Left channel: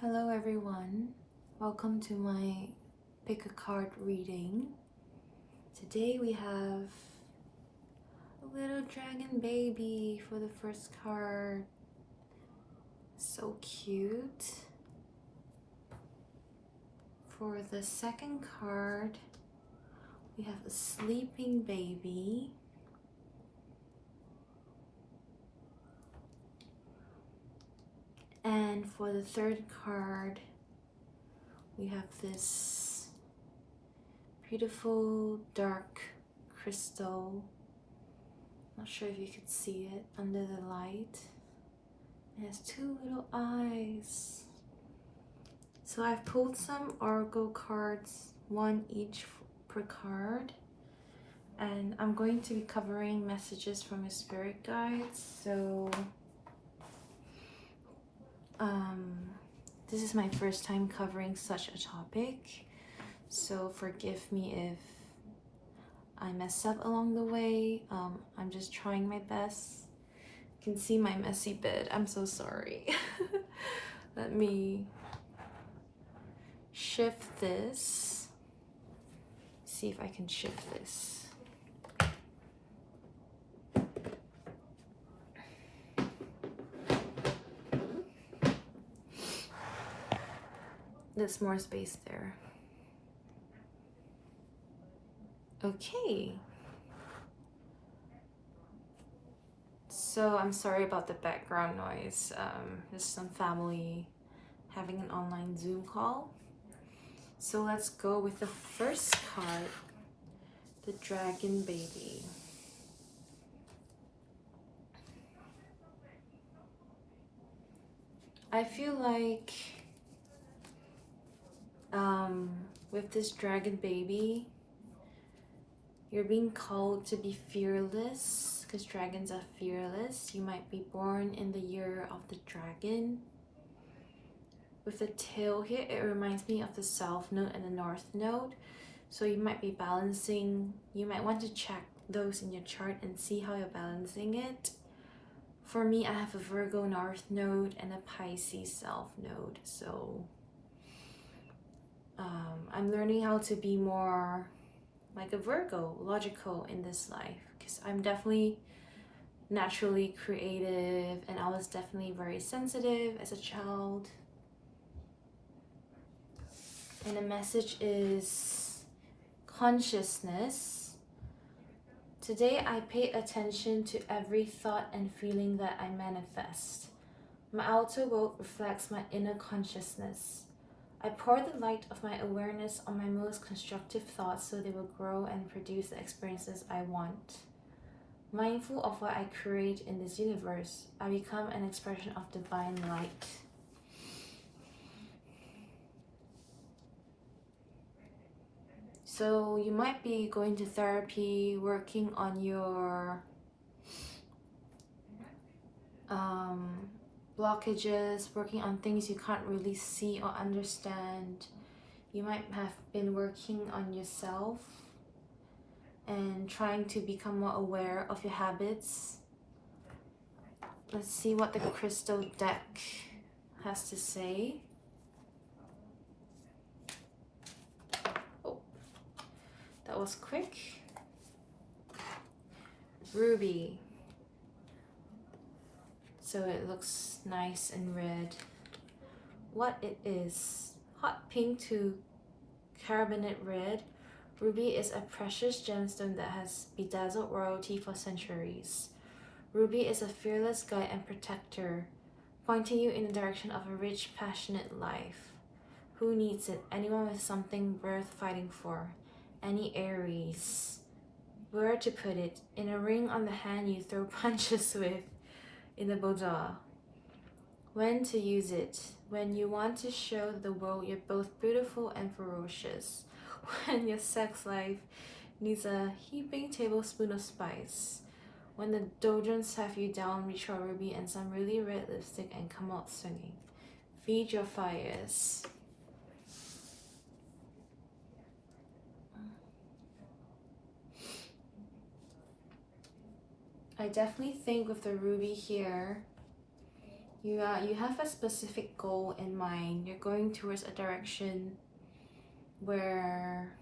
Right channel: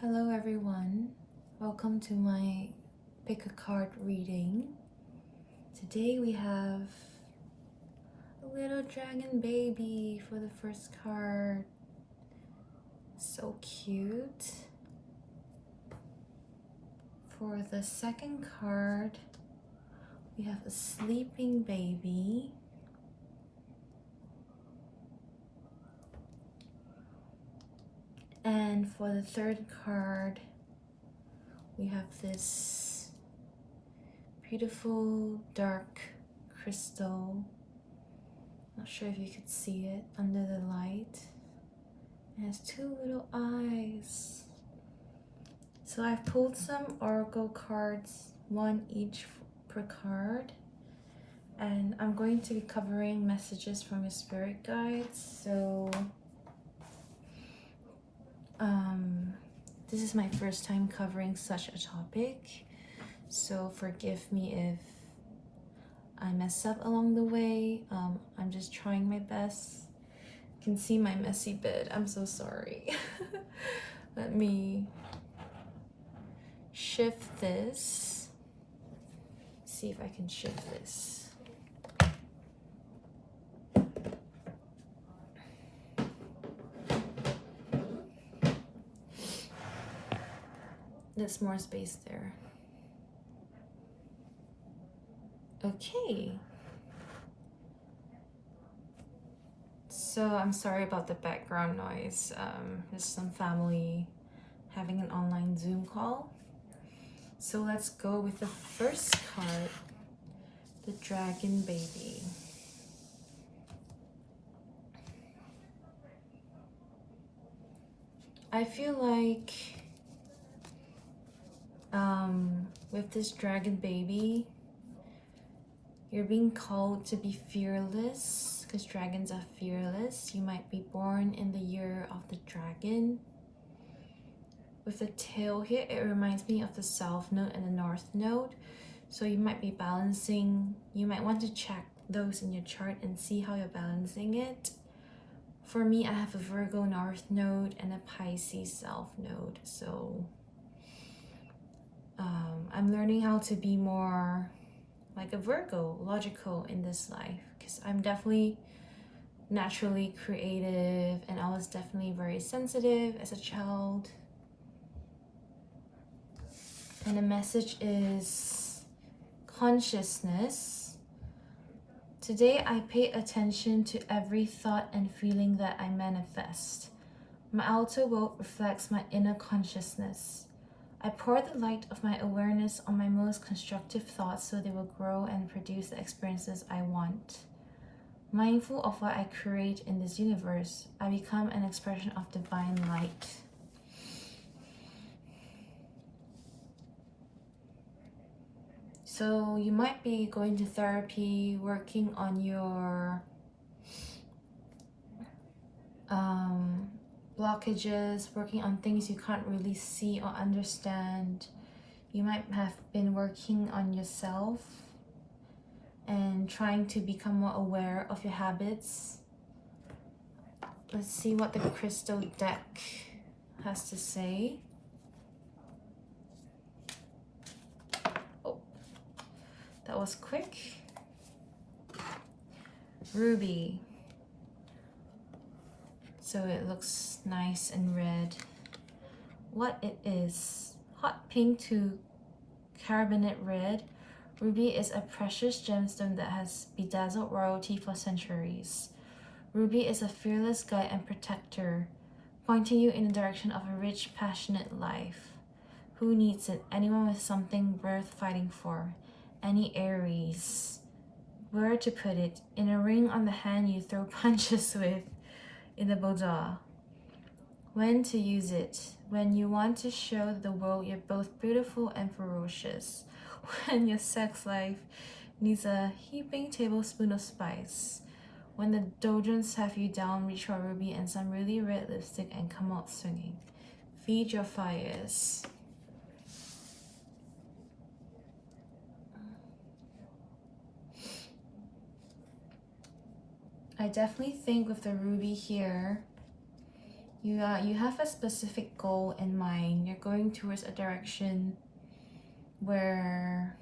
Hello everyone, welcome to my pick a card reading. Today we have a little dragon baby for the first card. So cute. For the second card, we have a sleeping baby. And for the third card, we have this beautiful dark crystal. Not sure if you could see it under the light. It has two little eyes. So I've pulled some oracle cards, one each per card. And I'm going to be covering messages from my spirit guides. So this is my first time covering such a topic. So forgive me if I mess up along the way. I'm just trying my best. You can see my messy bed. I'm so sorry. Let me shift this. See if I can shift this. There's more space there. Okay. So I'm sorry about the background noise. There's some family having an online Zoom call. So let's go with the first card, the dragon baby. I feel like with this dragon baby, you're being called to be fearless because dragons are fearless. You might be born in the year of the dragon. With the tail here, it reminds me of the south node and the north node. So you might be balancing, you might want to check those in your chart and see how you're balancing it. For me, I have a Virgo north node and a Pisces south node. So I'm learning how to be more like a Virgo, logical in this life, because I'm definitely naturally creative and I was definitely very sensitive as a child. And the message is consciousness. Today I pay attention to every thought and feeling that I manifest. My outer world reflects my inner consciousness. I pour the light of my awareness on my most constructive thoughts so they will grow and produce the experiences I want. Mindful of what I create in this universe, I become an expression of divine light. So you might be going to therapy, working on your blockages, working on things you can't really see or understand. You might have been working on yourself and trying to become more aware of your habits. Let's see what the crystal deck has to say. Oh, that was quick. Ruby. So it looks nice and red. What it is, hot pink to carbonate red. Ruby is a precious gemstone that has bedazzled royalty for centuries. Ruby is a fearless guide and protector, pointing you in the direction of a rich, passionate life. Who needs it? Anyone with something worth fighting for. Any Aries. Where to put it? In a ring on the hand you throw punches with. In the boudoir. When to use it? When you want to show the world you're both beautiful and ferocious. When your sex life needs a heaping tablespoon of spice. When the doldrums have you down, reach for ruby and some really red lipstick and come out swinging. Feed your fires. I definitely think with the ruby here, You have a specific goal in mind. You're going towards a direction where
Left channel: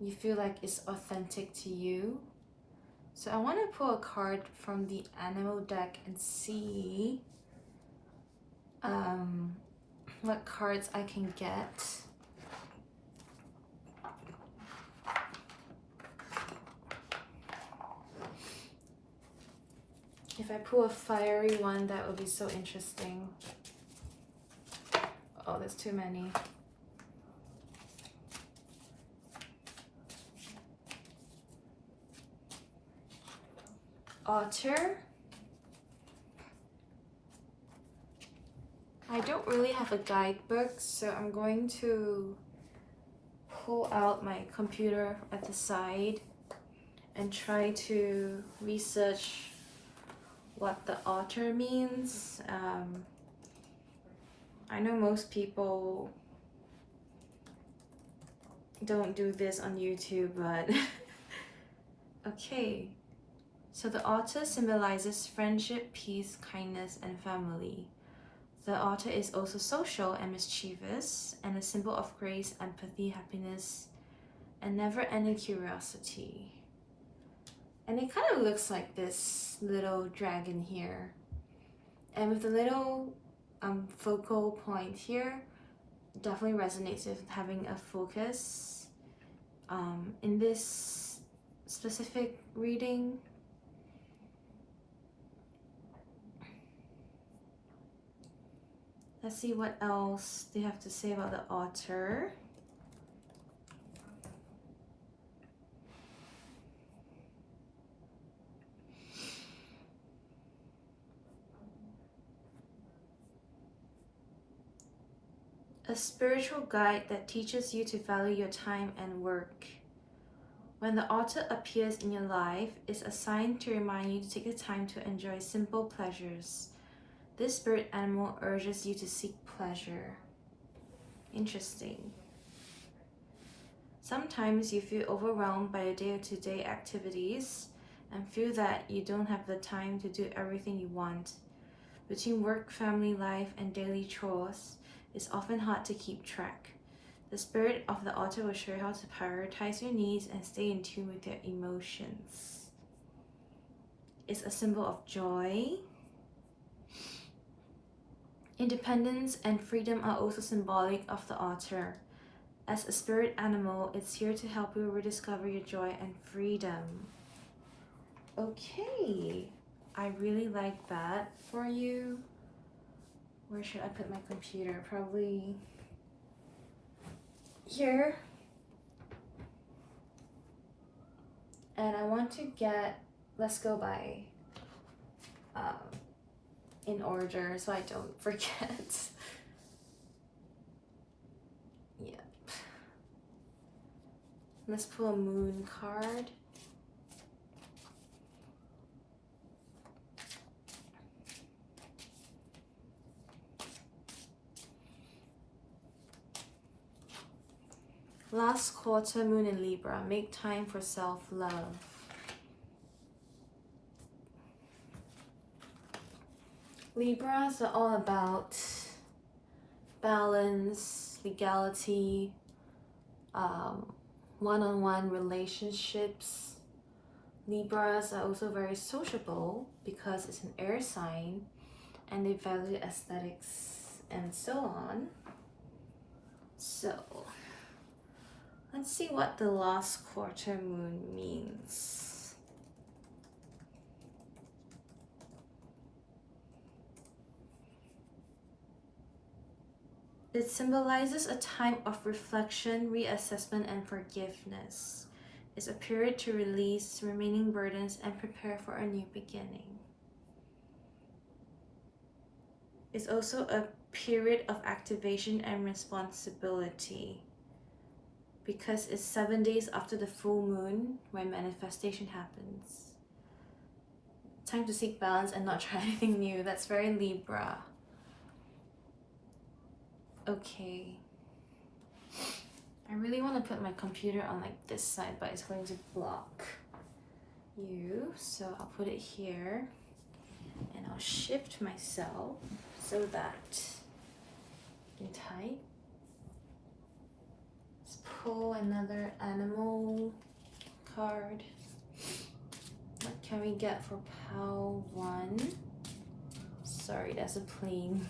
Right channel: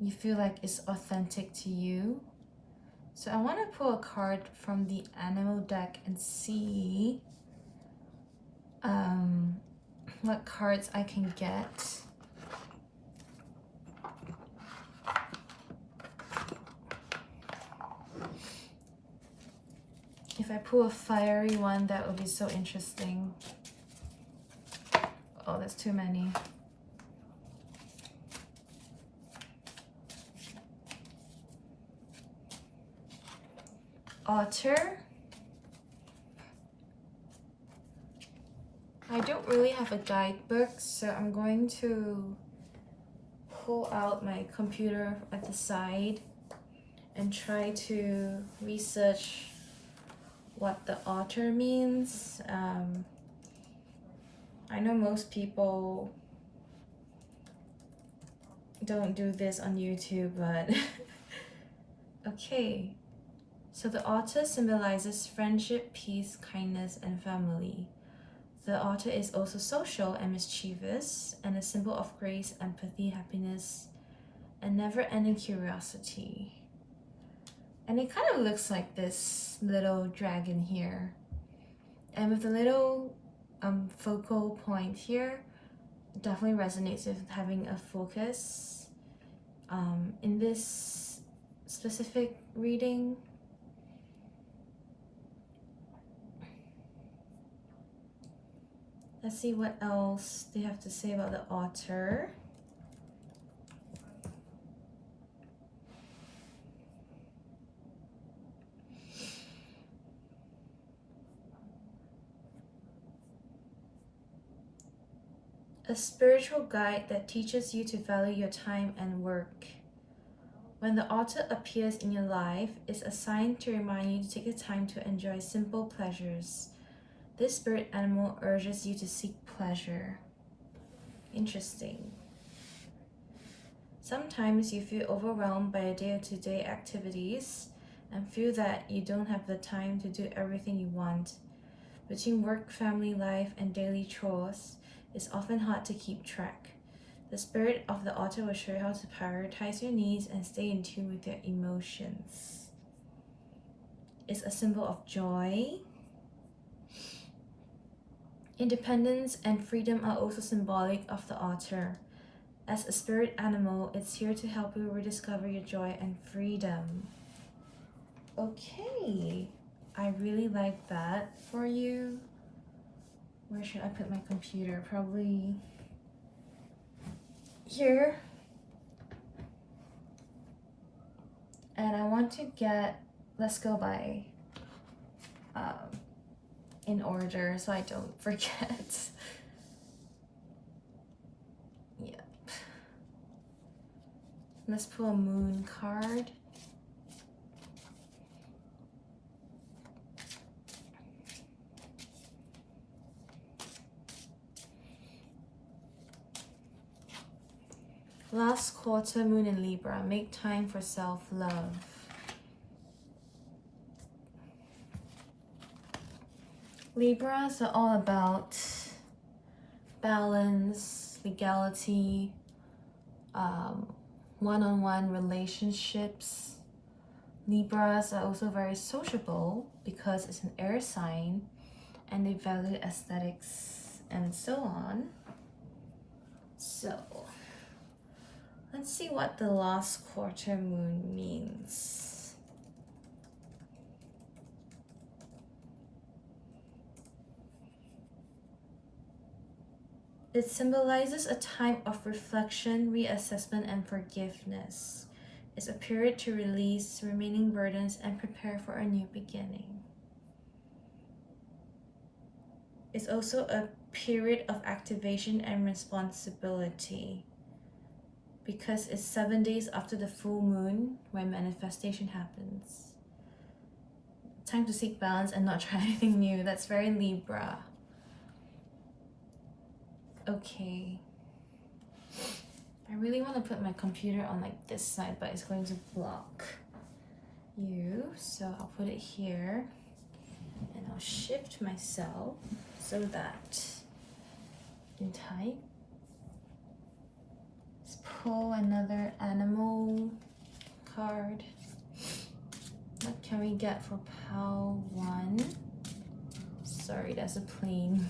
you feel like it's authentic to you. So I want to pull a card from the animal deck and see what cards I can get. If I pull a fiery one, that would be so interesting. Oh, there's too many. Otter. I don't really have a guidebook, so I'm going to pull out my computer at the side and try to research what the otter means. I know most people don't do this on YouTube, but okay. So the otter symbolizes friendship, peace, kindness, and family. The otter is also social and mischievous, and a symbol of grace, empathy, happiness, and never-ending curiosity. And it kind of looks like this little dragon here. And with the little focal point here, definitely resonates with having a focus. In this specific reading, let's see what else they have to say about the otter. A spiritual guide that teaches you to value your time and work. When the otter appears in your life, it's a sign to remind you to take the time to enjoy simple pleasures. This spirit animal urges you to seek pleasure. Interesting. Sometimes you feel overwhelmed by your day-to-day activities and feel that you don't have the time to do everything you want. Between work, family life, and daily chores, it's often hard to keep track. The spirit of the otter will show you how to prioritize your needs and stay in tune with your emotions. It's a symbol of joy. Independence and freedom are also symbolic of the otter. As a spirit animal, it's here to help you rediscover your joy and freedom. Okay, I really like that for you. Where should I put my computer? Probably here. And I want to get, let's go by in order so I don't forget. Yep. Let's pull a moon card. Last quarter, moon in Libra. Make time for self-love. Libras are all about balance, legality, one-on-one relationships. Libras are also very sociable because it's an air sign and they value aesthetics and so on. So let's see what the last quarter moon means. It symbolizes a time of reflection, reassessment, and forgiveness. It's a period to release remaining burdens and prepare for a new beginning. It's also a period of activation and responsibility because it's 7 days after the full moon when manifestation happens. Time to seek balance and not try anything new. That's very Libra. Okay. I really want to put my computer on like this side, but it's going to block you. So I'll put it here and I'll shift myself so that in time. Let's pull another animal card. What can we get for pile 1? Sorry, that's a plane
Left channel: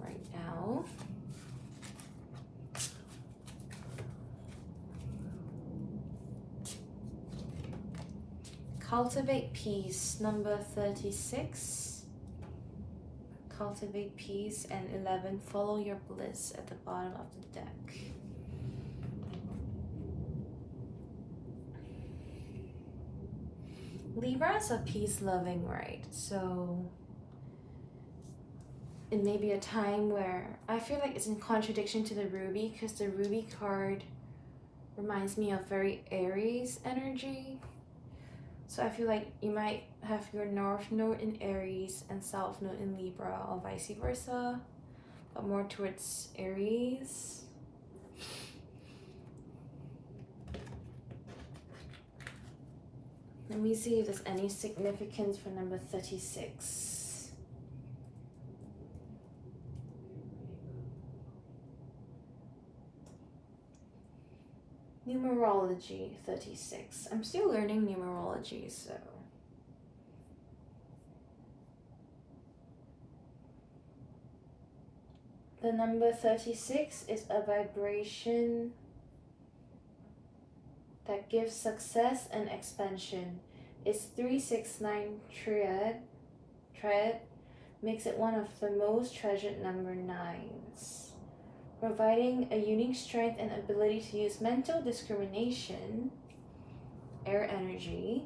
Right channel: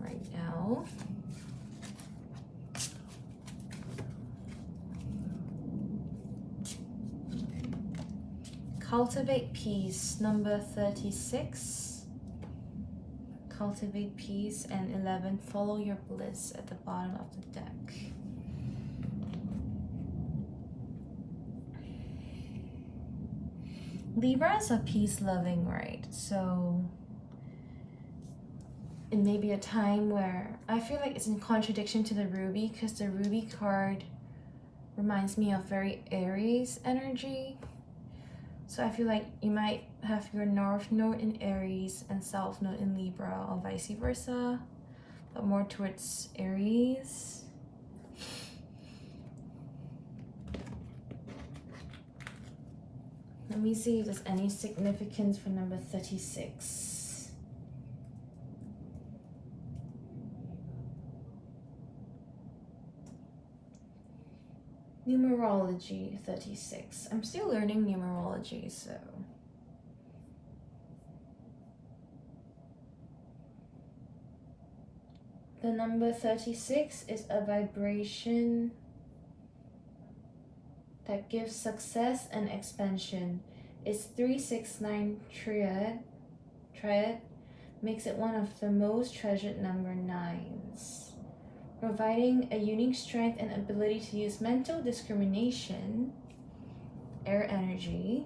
right now. Cultivate peace, number 36. Cultivate peace, and 11. Follow your bliss at the bottom of the deck. Libras are peace-loving, right? So it may be a time where I feel like it's in contradiction to the ruby, because the ruby card reminds me of very Aries energy. So I feel like you might have your North Node in Aries and South Node in Libra, or vice versa, but more towards Aries. Let me see if there's any significance for number 36. Numerology 36. I'm still learning numerology, so. The number 36 is a vibration that gives success and expansion. Its 369 triad makes it one of the most treasured number 9s, providing a unique strength and ability to use mental discrimination, air energy,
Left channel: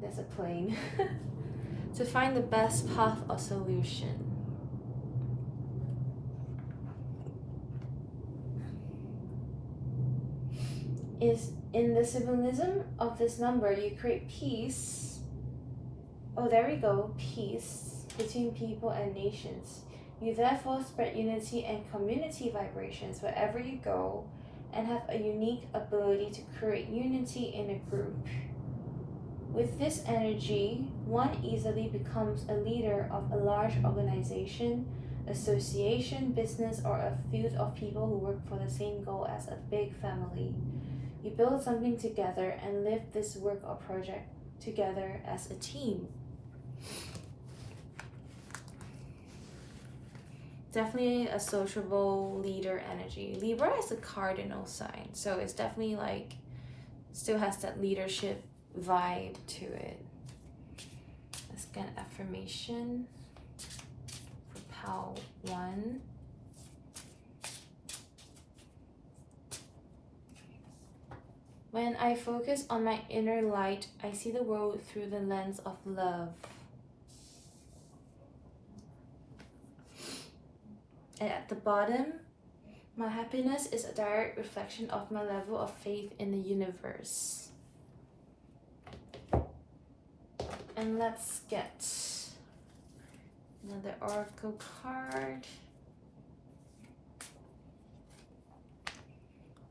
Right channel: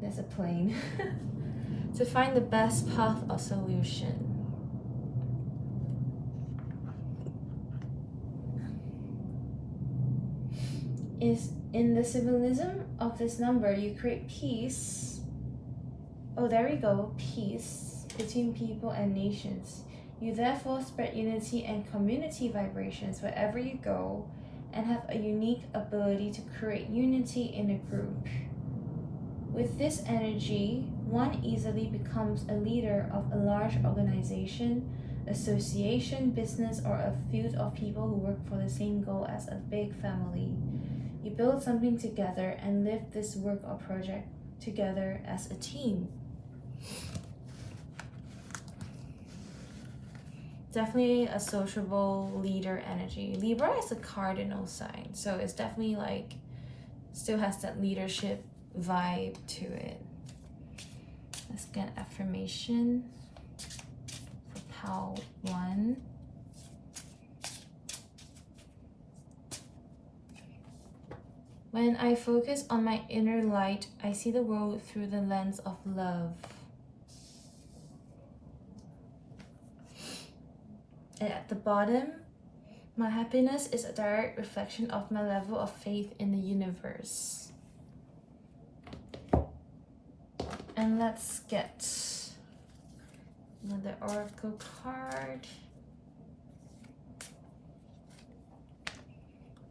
there's a plane, to find the best path or solution. Is in the symbolism of this number, you create peace. Oh, there we go, peace between people and nations. You therefore spread unity and community vibrations wherever you go, and have a unique ability to create unity in a group. With this energy, one easily becomes a leader of a large organization, association, business, or a field of people who work for the same goal as a big family. You build something together and live this work or project together as a team. Definitely a sociable leader energy. Libra is a cardinal sign, so it's definitely like, still has that leadership vibe to it. Let's get affirmation for pile 1. When I focus on my inner light, I see the world through the lens of love. And at the bottom, my happiness is a direct reflection of my level of faith in the universe. And let's get another oracle card.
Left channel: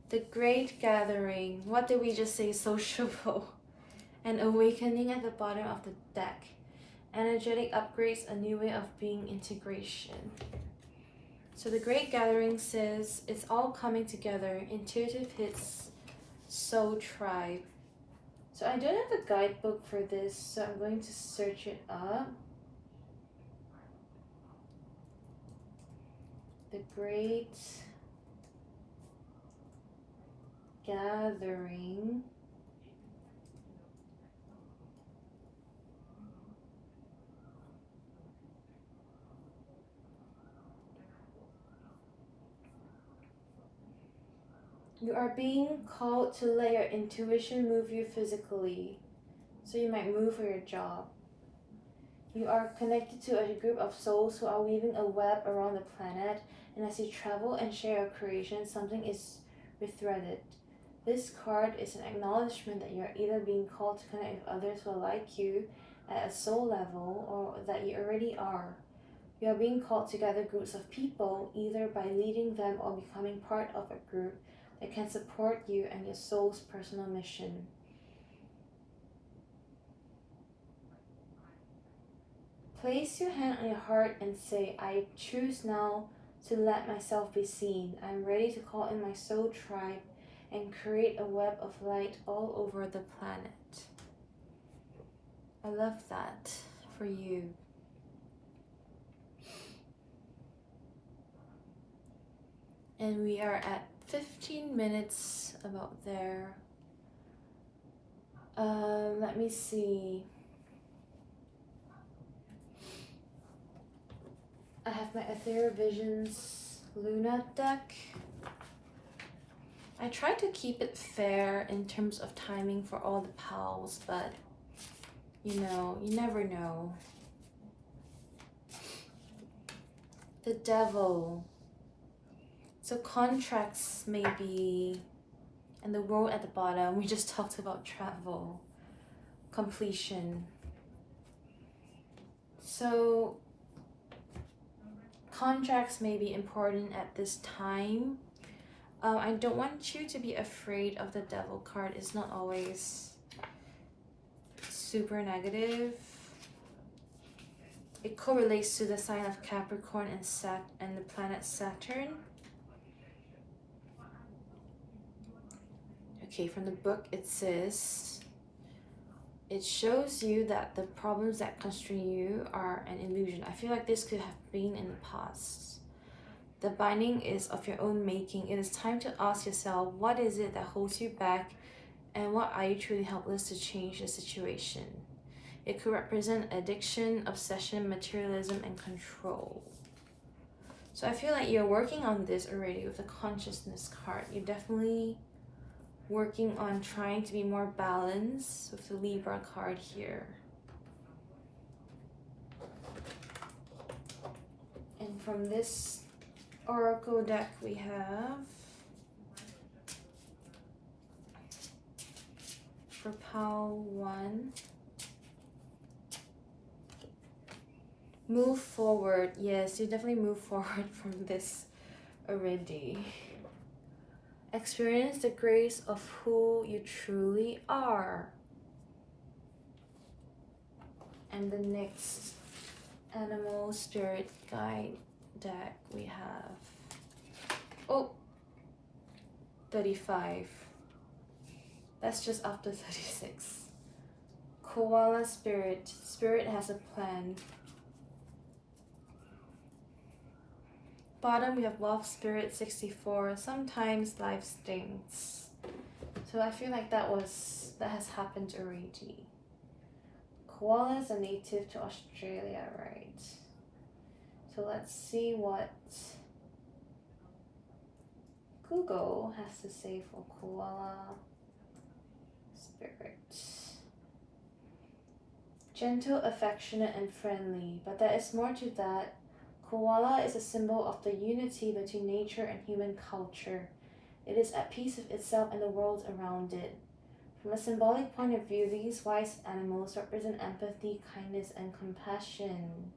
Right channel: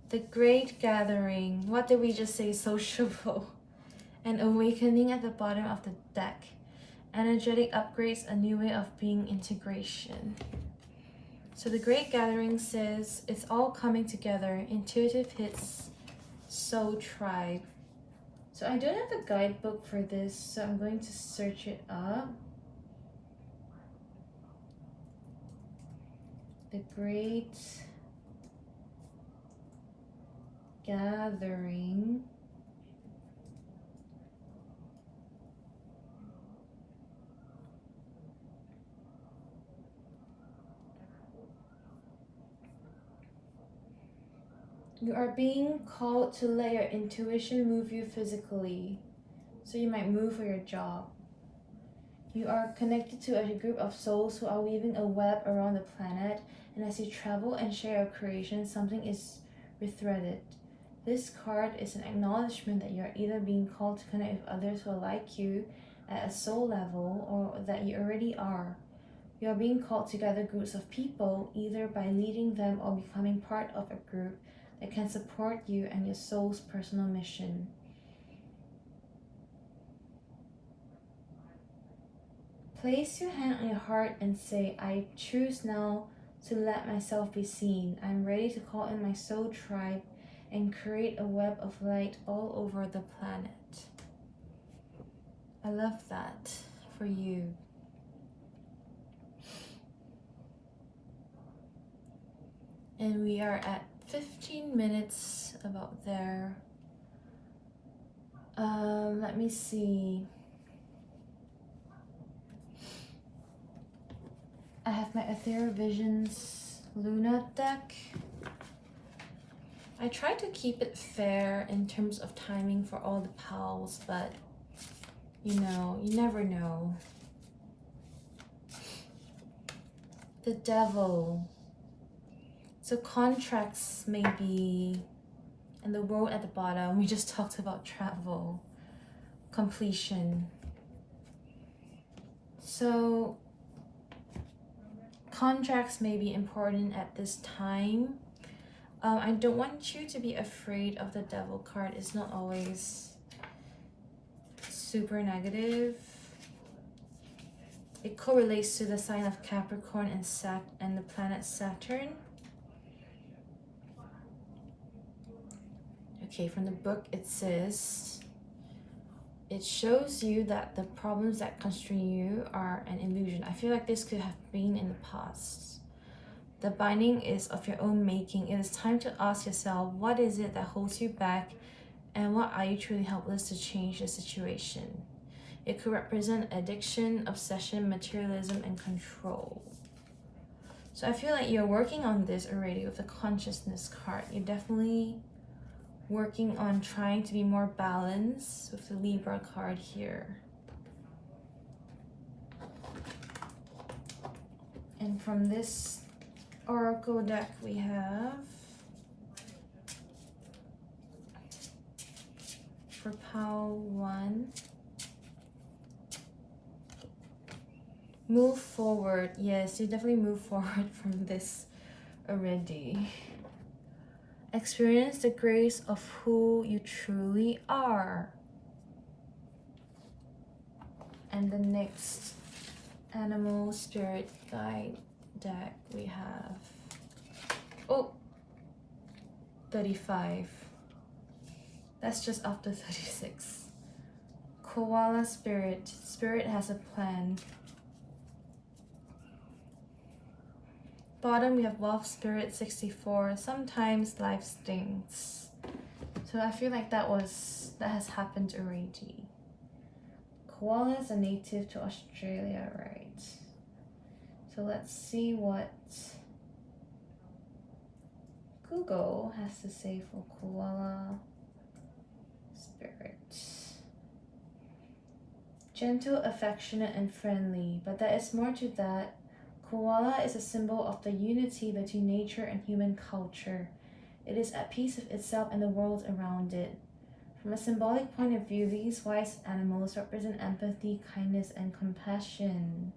The Great Gathering. What did we just say? Sociable. An awakening at the bottom of the deck. Energetic upgrades, a new way of being, integration. So the Great Gathering says it's all coming together. Intuitive hits, soul tribe. So I don't have a guidebook for this, so I'm going to search it up. The Great Gathering. You are being called to let your intuition move you physically. So you might move for your job. You are connected to a group of souls who are weaving a web around the planet, and as you travel and share your creation, something is rethreaded. This card is an acknowledgement that you are either being called to connect with others who are like you at a soul level, or that you already are. You are being called to gather groups of people, either by leading them or becoming part of a group that can support you and your soul's personal mission. Place your hand on your heart and say, I choose now to let myself be seen. I'm ready to call in my soul tribe and create a web of light all over the planet. I love that for you. And we are at 15 minutes, about there. Let me see. I have my Ethereal Visions Luna deck. I try to keep it fair in terms of timing for all the pals, but you know, you never know. The Devil. So contracts maybe, and the World at the bottom. We just talked about travel, completion. So contracts may be important at this time. I don't want you to be afraid of the Devil card. It's not always super negative. It correlates to the sign of Capricorn and the planet Saturn. Okay, from the book it says, it shows you that the problems that constrain you are an illusion. I feel like this could have been in the past. The binding is of your own making. It is time to ask yourself, what is it that holds you back, and what are you truly helpless to change the situation? It could represent addiction, obsession, materialism, and control. So I feel like you're working on this already with the consciousness card. You're definitely working on trying to be more balanced with the Libra card here. And from this Oracle deck we have, for Pile 1, move forward. Yes, you definitely move forward from this already. Experience the grace of who you truly are. And the next Animal Spirit Guide deck we have, 35. That's just after 36. Koala Spirit. Spirit has a plan. Bottom we have Wolf Spirit 64. Sometimes life stings. So I feel like that has happened already. Koala is a native to Australia, right? So let's see what Google has to say for Koala Spirit. Gentle, affectionate, and friendly, but there is more to that. Koala is a symbol of the unity between nature and human culture. It is at peace with itself and the world around it. From a symbolic point of view, these wise animals represent empathy, kindness, and compassion.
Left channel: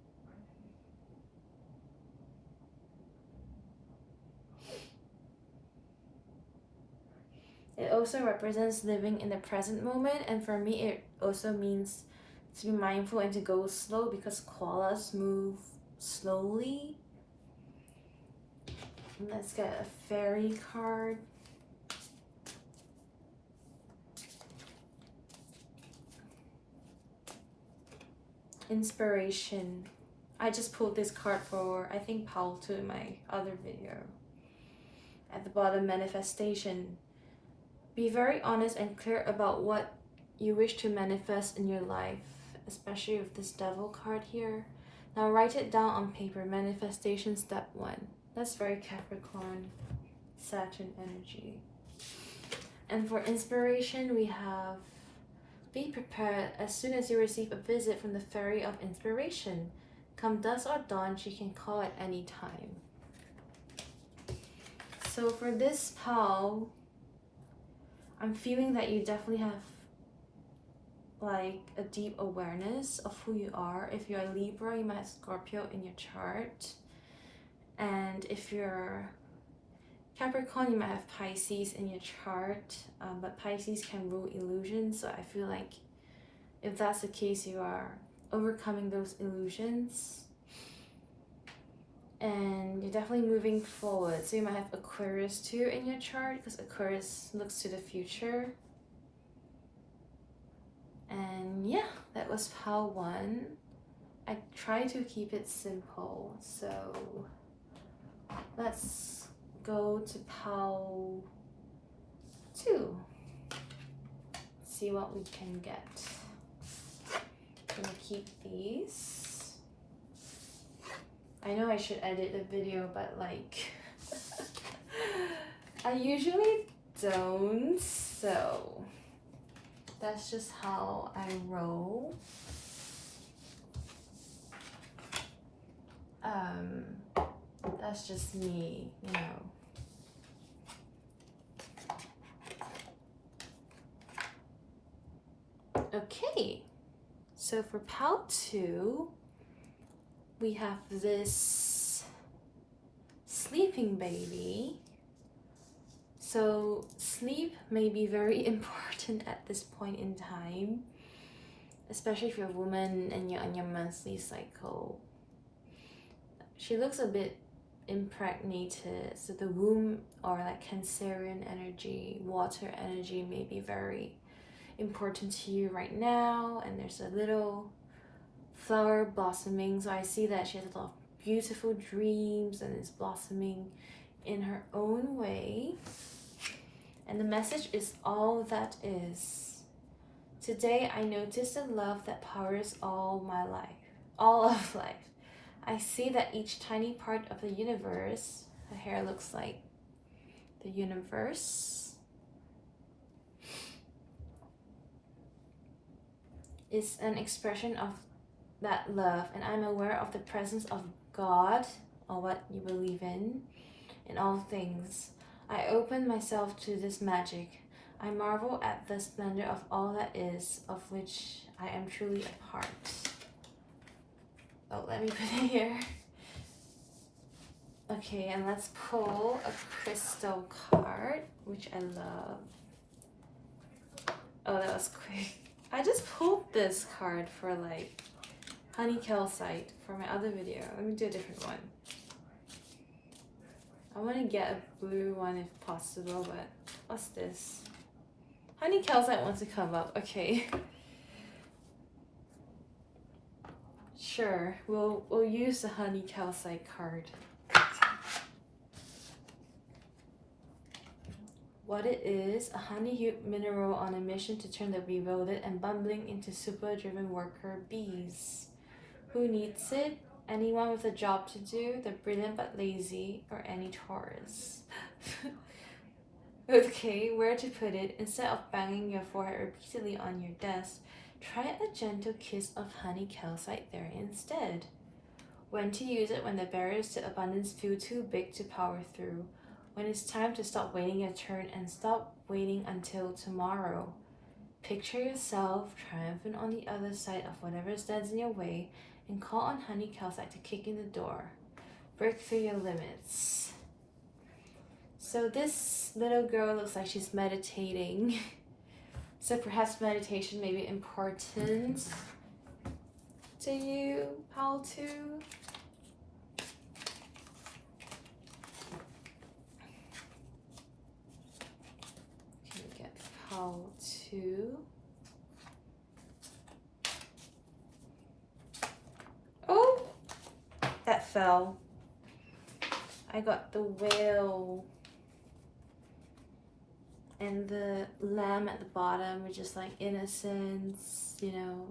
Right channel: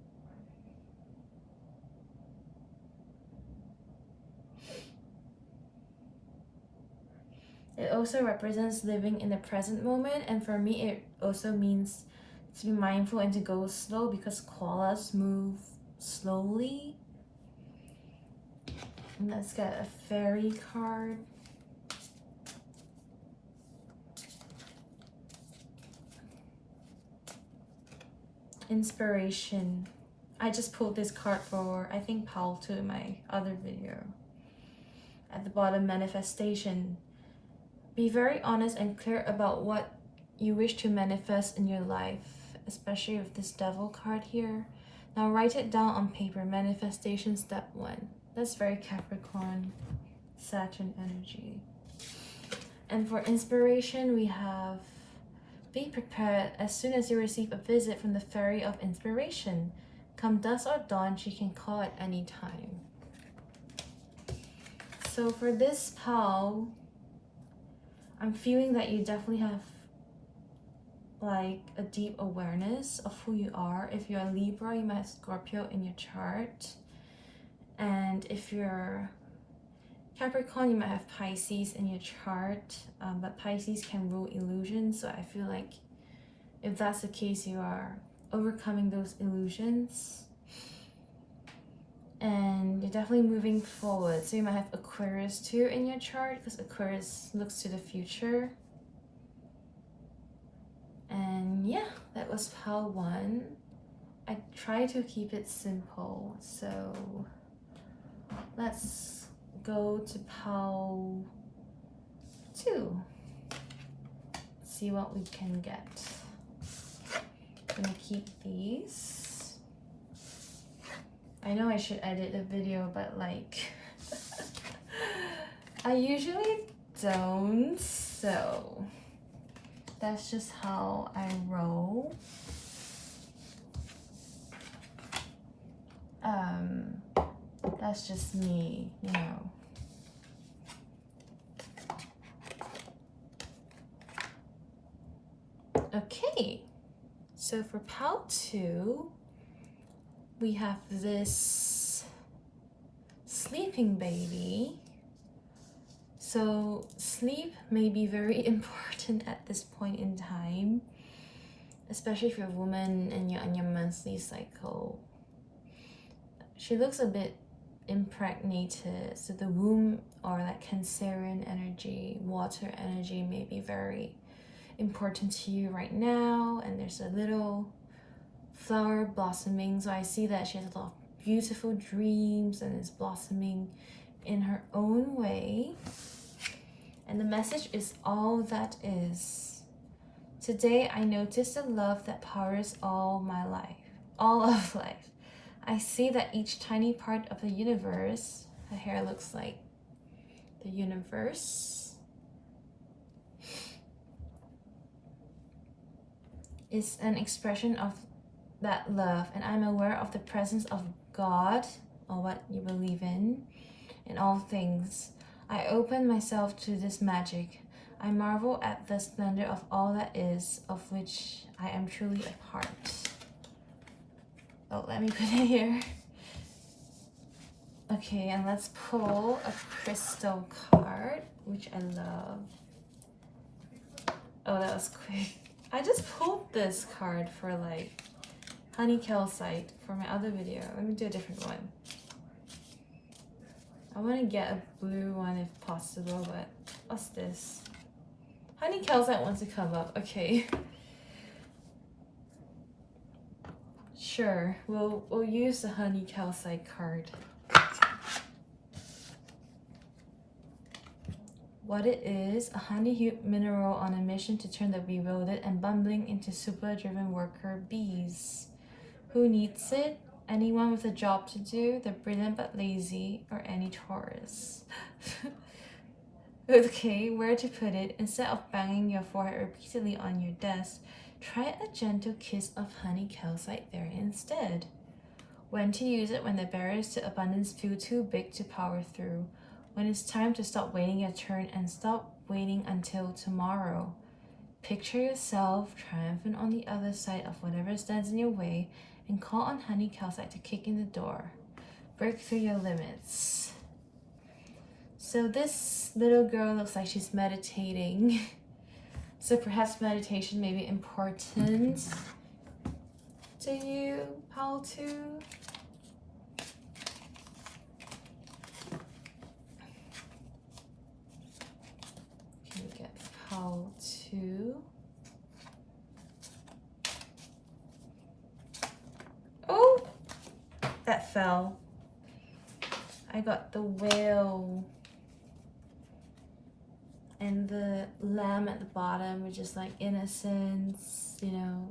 It also represents living in the present moment, and for me it also means to be mindful and to go slow, because koalas move slowly. And let's get a fairy card. Inspiration. I just pulled this card for, I think, Paul too in my other video. At the bottom, manifestation. Be very honest and clear about what you wish to manifest in your life, especially with this Devil card here. Now write it down on paper. Manifestation step 1. That's very Capricorn, Saturn energy. And for inspiration, we have, be prepared as soon as you receive a visit from the Fairy of Inspiration. Come dusk or dawn, she can call at any time. So for this pal, I'm feeling that you definitely have like a deep awareness of who you are. If you're a Libra, you might have Scorpio in your chart. And if you're Capricorn, you might have Pisces in your chart. But Pisces can rule illusions. So I feel like if that's the case, you are overcoming those illusions. And you're definitely moving forward. So you might have Aquarius too in your chart, because Aquarius looks to the future. And yeah, that was pile 1. I try to keep it simple. So let's go to pile 2. See what we can get. I'm gonna keep these. I know I should edit the video, but like I usually don't, so that's just how I roll. That's just me, you know. Okay, so for pile 2, we have this sleeping baby. So sleep may be very important at this point in time, especially if you're a woman and you're on your monthly cycle. She looks a bit impregnated, so the womb or that Cancerian energy, water energy may be very important to you right now. And there's a little flower blossoming, so I see that she has a lot of beautiful dreams and is blossoming in her own way. And the message is all that is. Today I notice the love that powers all my life, all of life. I see that each tiny part of the universe, her hair looks like the universe, is an expression of that love, and I'm aware of the presence of God, or what you believe in all things. I open myself to this magic. I marvel at the splendor of all that is, of which I am truly a part. Oh, let me put it here. Okay, and let's pull a crystal card, which I love. Oh, that was quick. I just pulled this card for like honey calcite for my other video. Let me do a different one. I want to get a blue one if possible, but what's this? Honey calcite wants to come up. Okay. Sure, we'll use the honey calcite card. What it is, a honey-hued mineral on a mission to turn the bewildered and bumbling into super-driven worker bees. Who needs it? Anyone with a job to do, the brilliant but lazy, or any Taurus. Okay, where to put it? Instead of banging your forehead repeatedly on your desk, try a gentle kiss of honey calcite there instead. When to use it: when the barriers to abundance feel too big to power through. When it's time to stop waiting your turn and stop waiting until tomorrow. Picture yourself triumphant on the other side of whatever stands in your way and call on honey calcite to kick in the door. Break through your limits. So this little girl looks like she's meditating. So perhaps meditation may be important to you, pile 2. Can we get pile 2? Oh, that fell. I got the whale and the lamb at the bottom, which is like innocence, you know,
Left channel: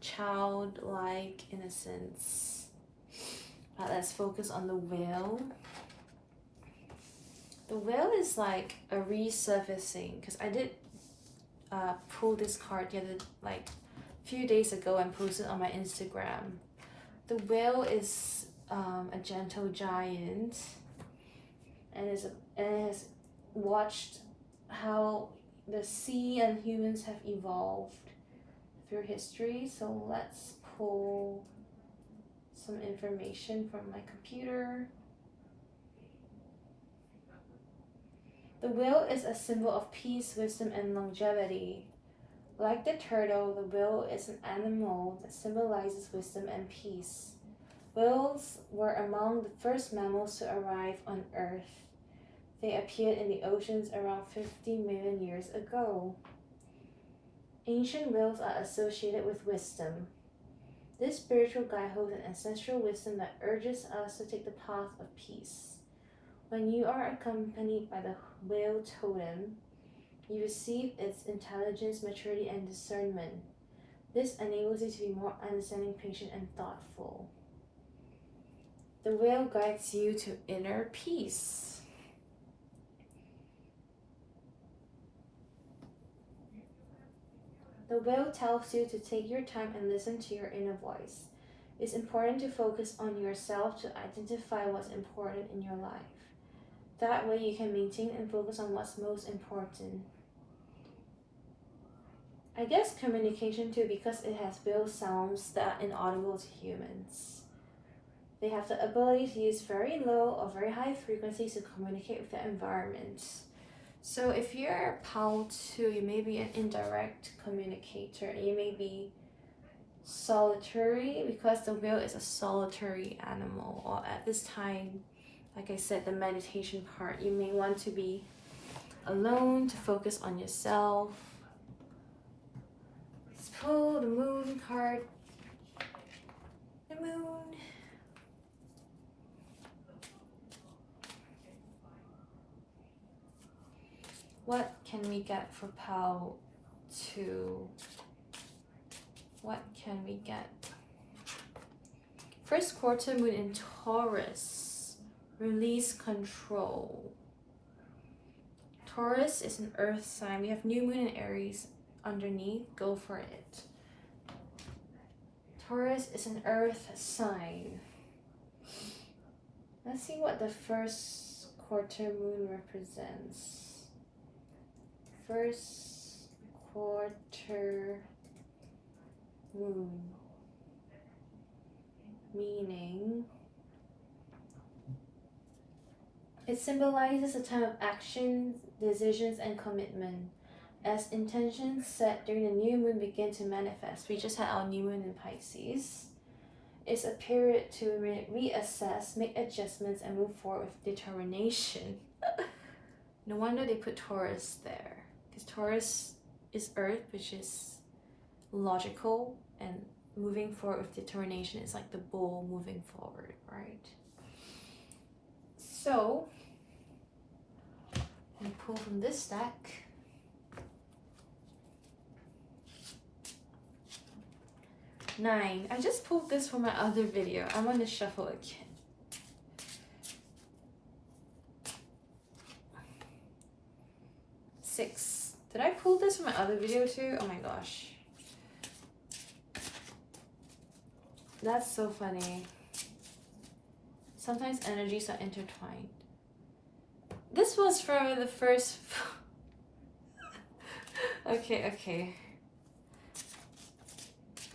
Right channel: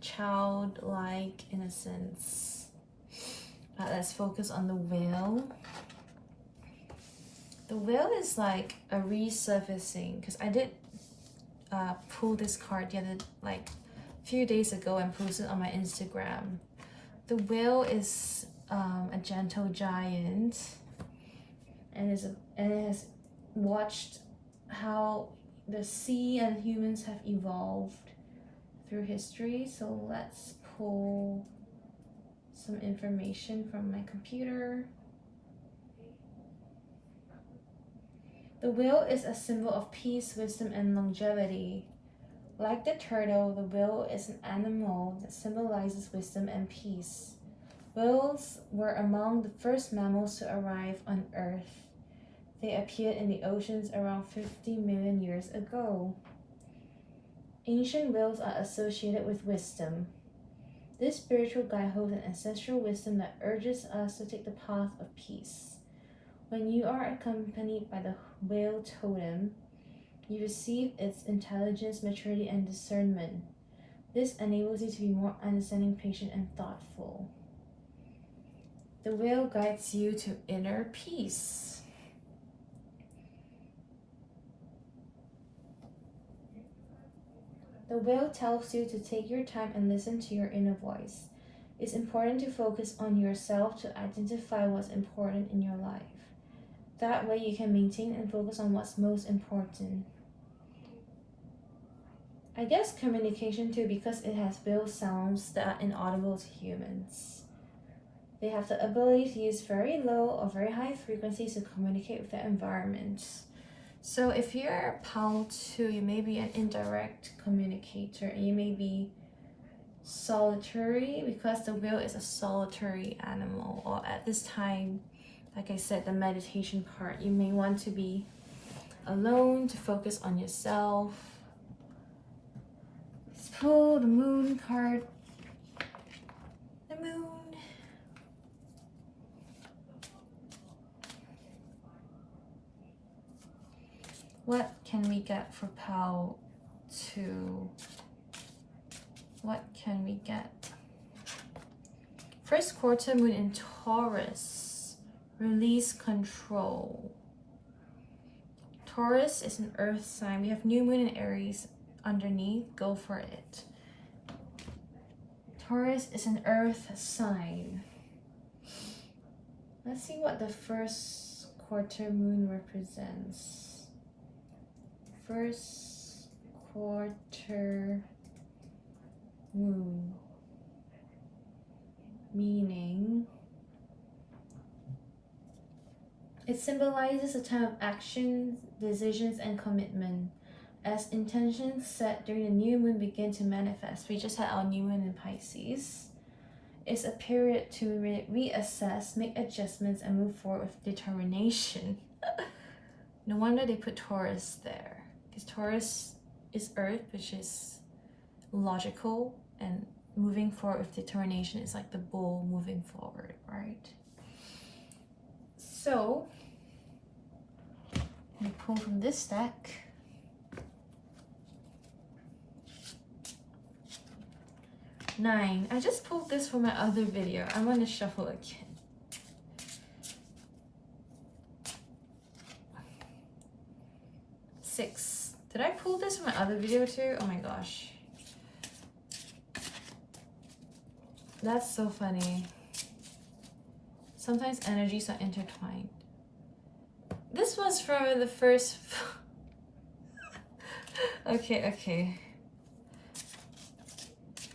childlike innocence. But let's focus on the whale. The whale is like a resurfacing, because I did pull this card the other, like a few days ago and posted on my Instagram. The whale is a gentle giant, and it has watched how the sea and humans have evolved through history. So let's pull some information from my computer. The whale is a symbol of peace, wisdom, and longevity. Like the turtle, the whale is an animal that symbolizes wisdom and peace. Whales were among the first mammals to arrive on Earth. They appeared in the oceans around 50 million years ago. Ancient whales are associated with wisdom. This spiritual guide holds an ancestral wisdom that urges us to take the path of peace. When you are accompanied by the whale totem, you receive its intelligence, maturity, and discernment. This enables you to be more understanding, patient, and thoughtful. The whale guides you to inner peace. The whale tells you to take your time and listen to your inner voice. It's important to focus on yourself to identify what's important in your life. That way you can maintain and focus on what's most important. I guess communication too, because it has whale sounds that are inaudible to humans. They have the ability to use very low or very high frequencies to communicate with the environment. So if you're PAL 2, you may be an indirect communicator, and you may be solitary because the whale is a solitary animal, or at this time, like I said, the meditation part, you may want to be alone to focus on yourself. Let's pull the moon card. The moon. What can we get for PAL 2? What can we get? First quarter moon in Taurus. Release control. Taurus is an earth sign. We have new moon in Aries underneath. Go for it. Taurus is an earth sign. Let's see what the first quarter moon represents. First quarter moon, meaning it symbolizes a time of action, decisions, and commitment. As intentions set during the new moon begin to manifest, we just had our new moon in Pisces. It's a period to reassess, make adjustments, and move forward with determination. No wonder they put Taurus there, because Taurus is Earth, which is logical, and moving forward with determination is like the bull moving forward, right? So, we pull from this stack. Nine. I just pulled this from my other video. I want to shuffle again. Six. Did I pull this from my other video too? Oh my gosh. That's so funny. Sometimes energies are intertwined. This was from the first... Okay.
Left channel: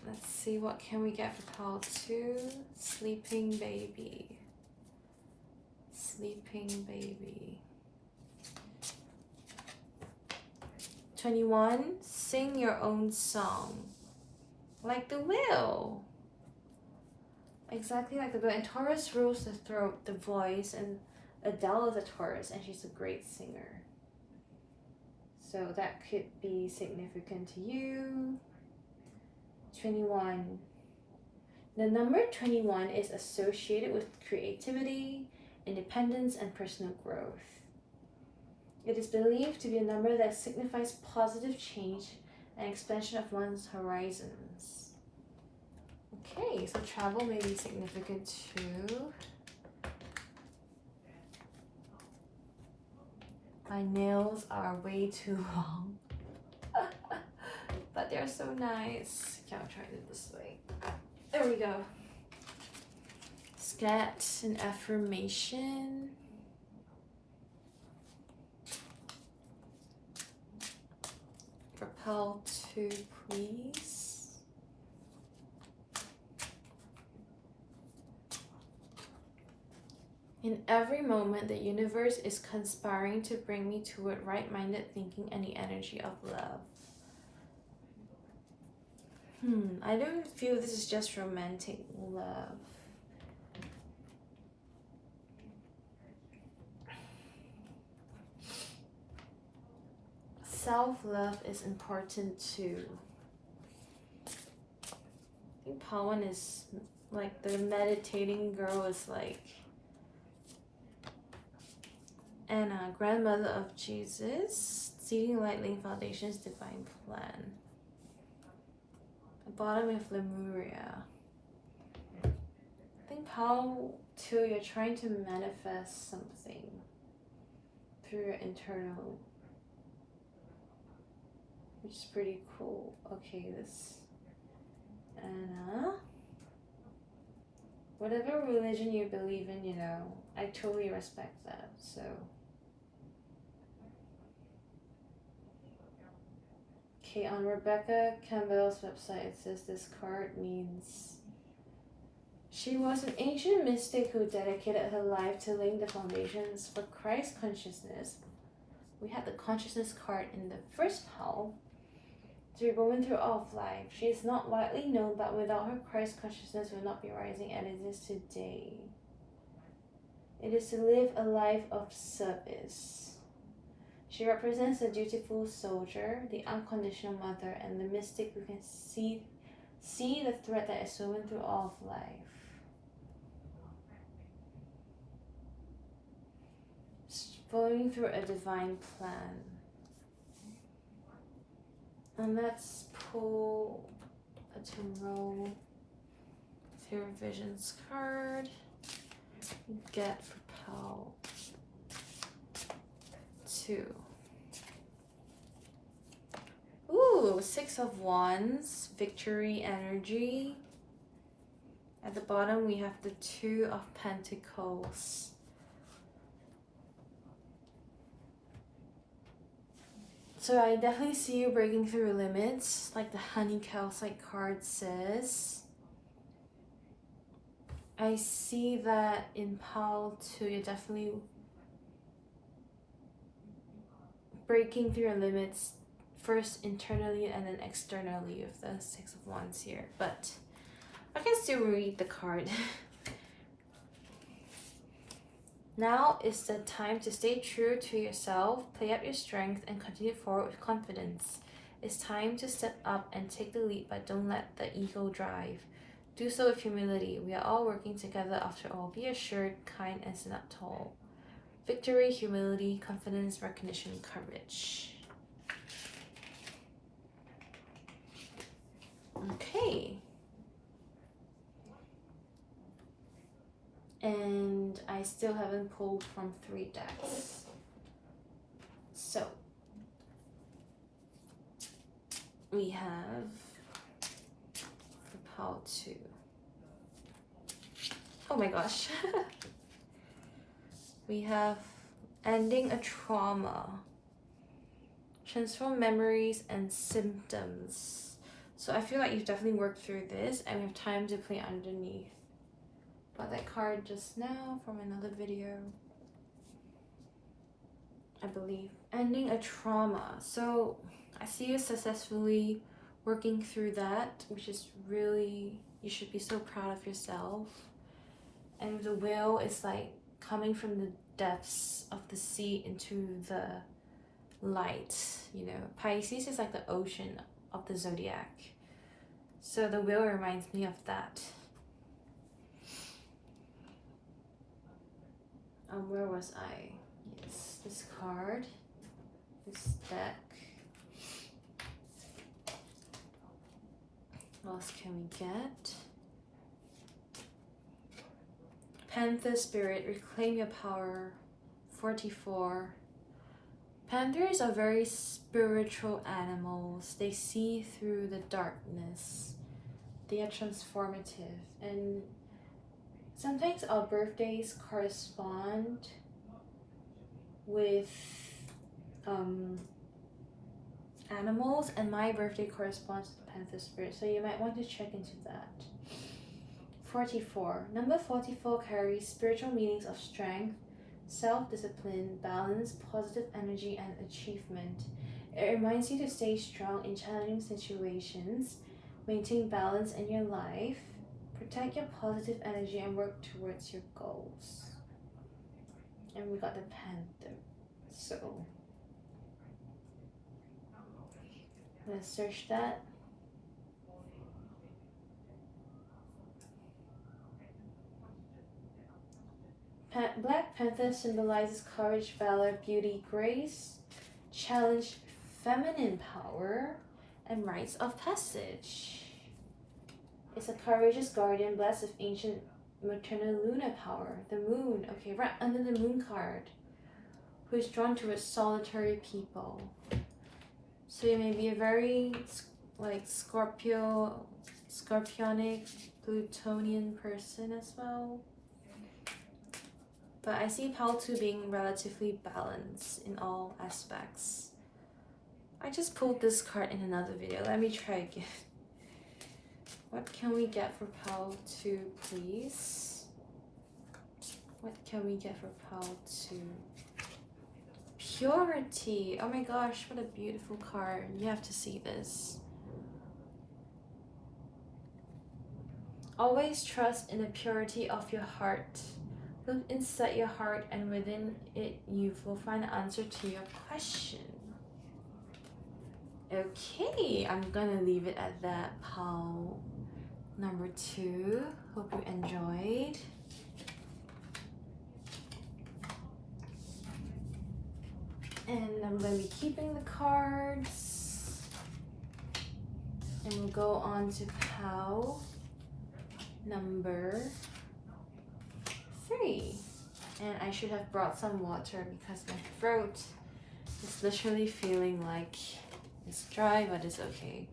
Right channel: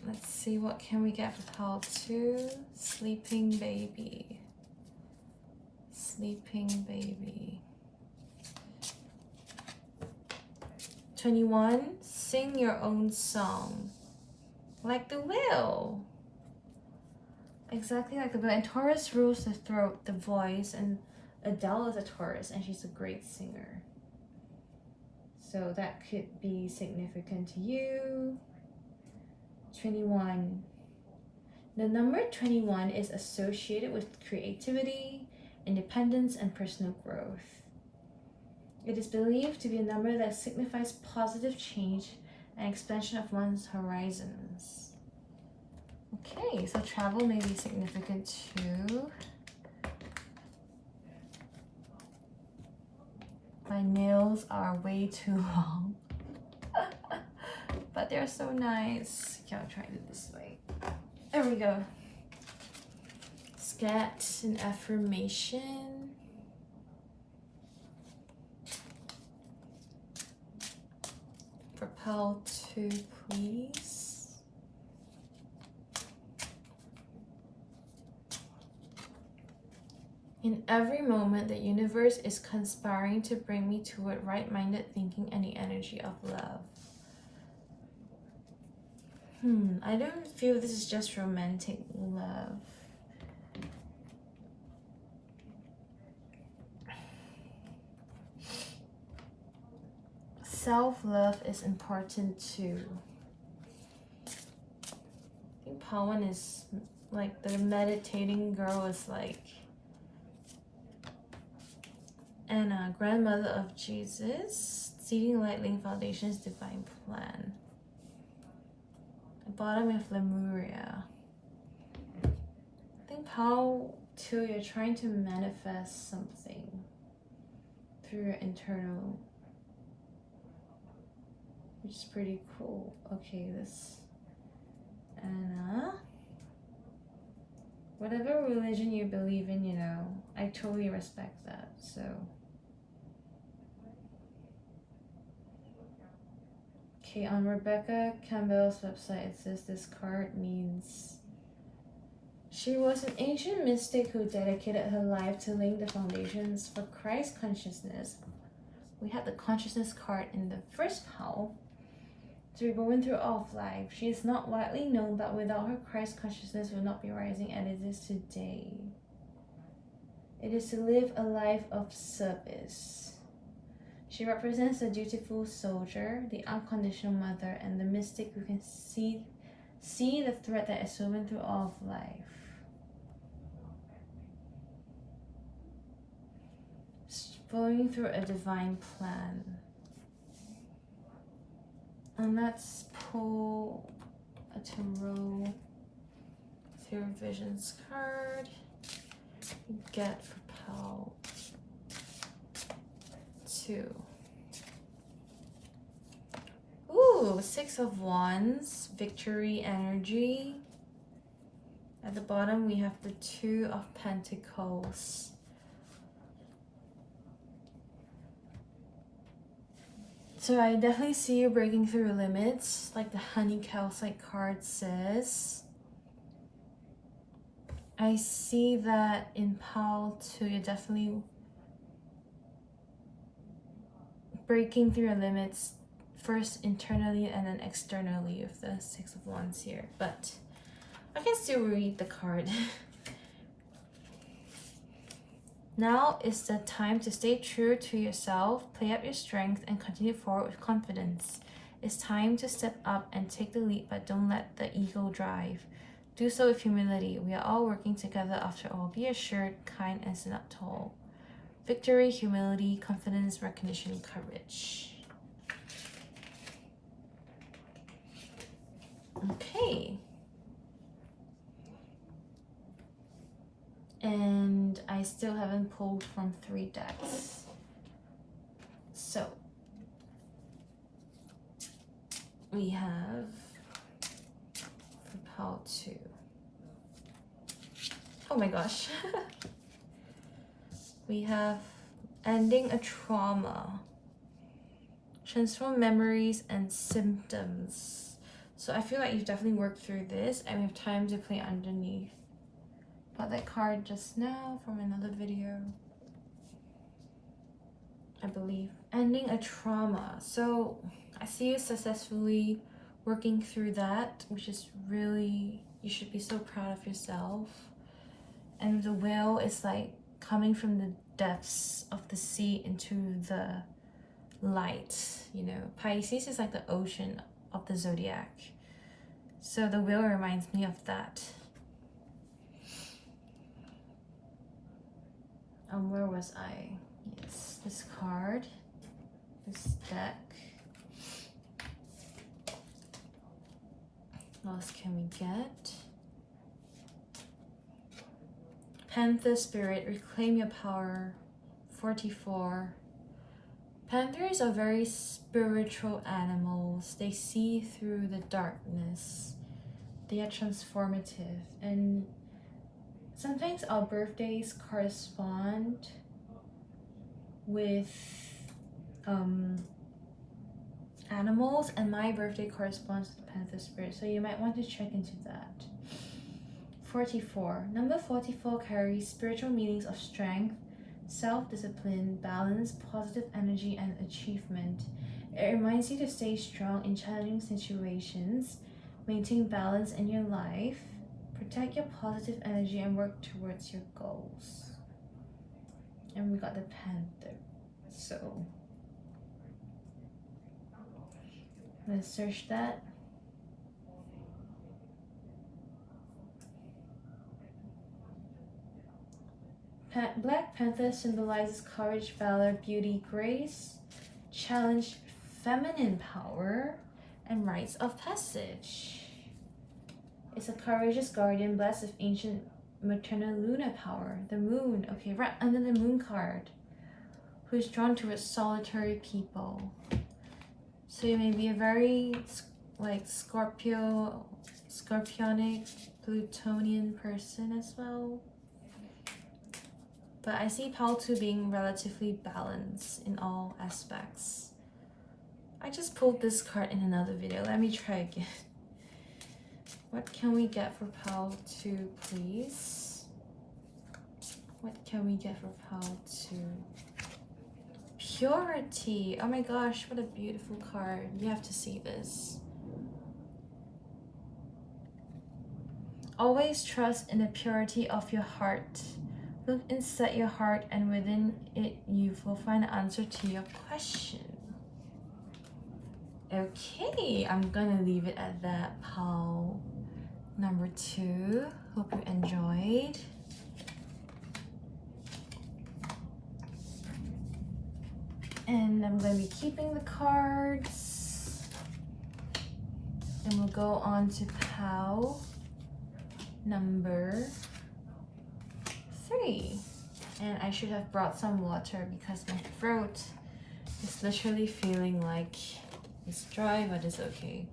Let's see, what can we get for PAL 2? Sleeping baby. Sleeping baby. 21, sing your own song. Like the whale. Exactly like the whale. And Taurus rules the throat, the voice, and Adele is a Taurus, and she's a great singer. So that could be significant to you. 21. The number 21 is associated with creativity, independence, and personal growth. It is believed to be a number that signifies positive change and expansion of one's horizons. Okay, so travel may be significant too. My nails are way too long. But they're so nice. Okay, I'll try it this way. There we go. Scat an affirmation. For PAL 2, please. In every moment, the universe is conspiring to bring me toward right-minded thinking and the energy of love. I don't feel this is just romantic love. Self-love is important too. I think Pawan is like the meditating girl is like Anna, grandmother of Jesus, seeing light laying foundations, divine plan. The bottom of Lemuria. I think how too you're trying to manifest something through your internal, which is pretty cool. Okay, this Anna. Whatever religion you believe in, you know, I totally respect that. So okay, on Rebecca Campbell's website it says this card means she was an ancient mystic who dedicated her life to laying the foundations for Christ consciousness. We had the consciousness card in the first pile. To be woven through all of life. She is not widely known, but without her, Christ consciousness will not be rising as it is today. It is to live a life of service. She represents the dutiful soldier, the unconditional mother, and the mystic who can see the thread that is woven through all of life. Flowing through a divine plan. And let's pull a tarot through visions card. Get for pal 2. Ooh, 6 of Wands, victory energy. At the bottom we have the 2 of Pentacles. So I definitely see you breaking through limits, like the Honey Calcite card says. I see that in pile 2, you're definitely breaking through your limits, first internally and then externally with the 6 of Wands here. But I can still read the card. Now is the time to stay true to yourself, play up your strength, and continue forward with confidence. It's time to step up and take the lead, but don't let the ego drive. Do so with humility. We are all working together after all. Be assured, kind, and stand up tall. Victory, humility, confidence, recognition, courage. Okay. And I still haven't pulled from 3 decks. So we have for pile 2. Oh my gosh. We have ending a trauma, transform memories and symptoms. So I feel like you've definitely worked through this and we have time to play underneath. Got that card just now from another video, I believe. Ending a trauma. So I see you successfully working through that, which is really, you should be so proud of yourself. And the whale is like coming from the depths of the sea into the light, you know. Pisces is like the ocean of the zodiac. So the whale reminds me of that. Where was I? Yes, this card, this deck. What else can we get? Panther spirit, reclaim your power, 44. Panthers are very spiritual animals. They see through the darkness. They are transformative, and sometimes our birthdays correspond with animals, and my birthday corresponds to the Panther spirit, so you might want to check into that. 44. Number 44 carries spiritual meanings of strength, self-discipline, balance, positive energy, and achievement. It reminds you to stay strong in challenging situations. Maintain balance in your life. Protect your positive energy and work towards your goals. And we got the Panther. So let's search that. Black Panther symbolizes courage, valor, beauty, grace, challenge, feminine power, and rites of passage. It's a courageous guardian blessed with ancient maternal Luna power. The moon, okay, right under the moon card. Who's drawn towards solitary people. So you may be a very like Scorpionic, Plutonian person as well. But I see Pal2 being relatively balanced in all aspects. I just pulled this card in another video. Let me try again. What can we get for Pal2, please? What can we get for Pal2? Purity. Oh my gosh, what a beautiful card. You have to see this. Always trust in the purity of your heart. Look inside your heart, and within it you will find the answer to your question. Okay, I'm gonna leave it at that, Pal number 2. Hope you enjoyed. And I'm gonna be keeping the cards. And we'll go on to Pal number 3. And I should have brought some water because my throat is literally feeling like it's dry, but it's okay.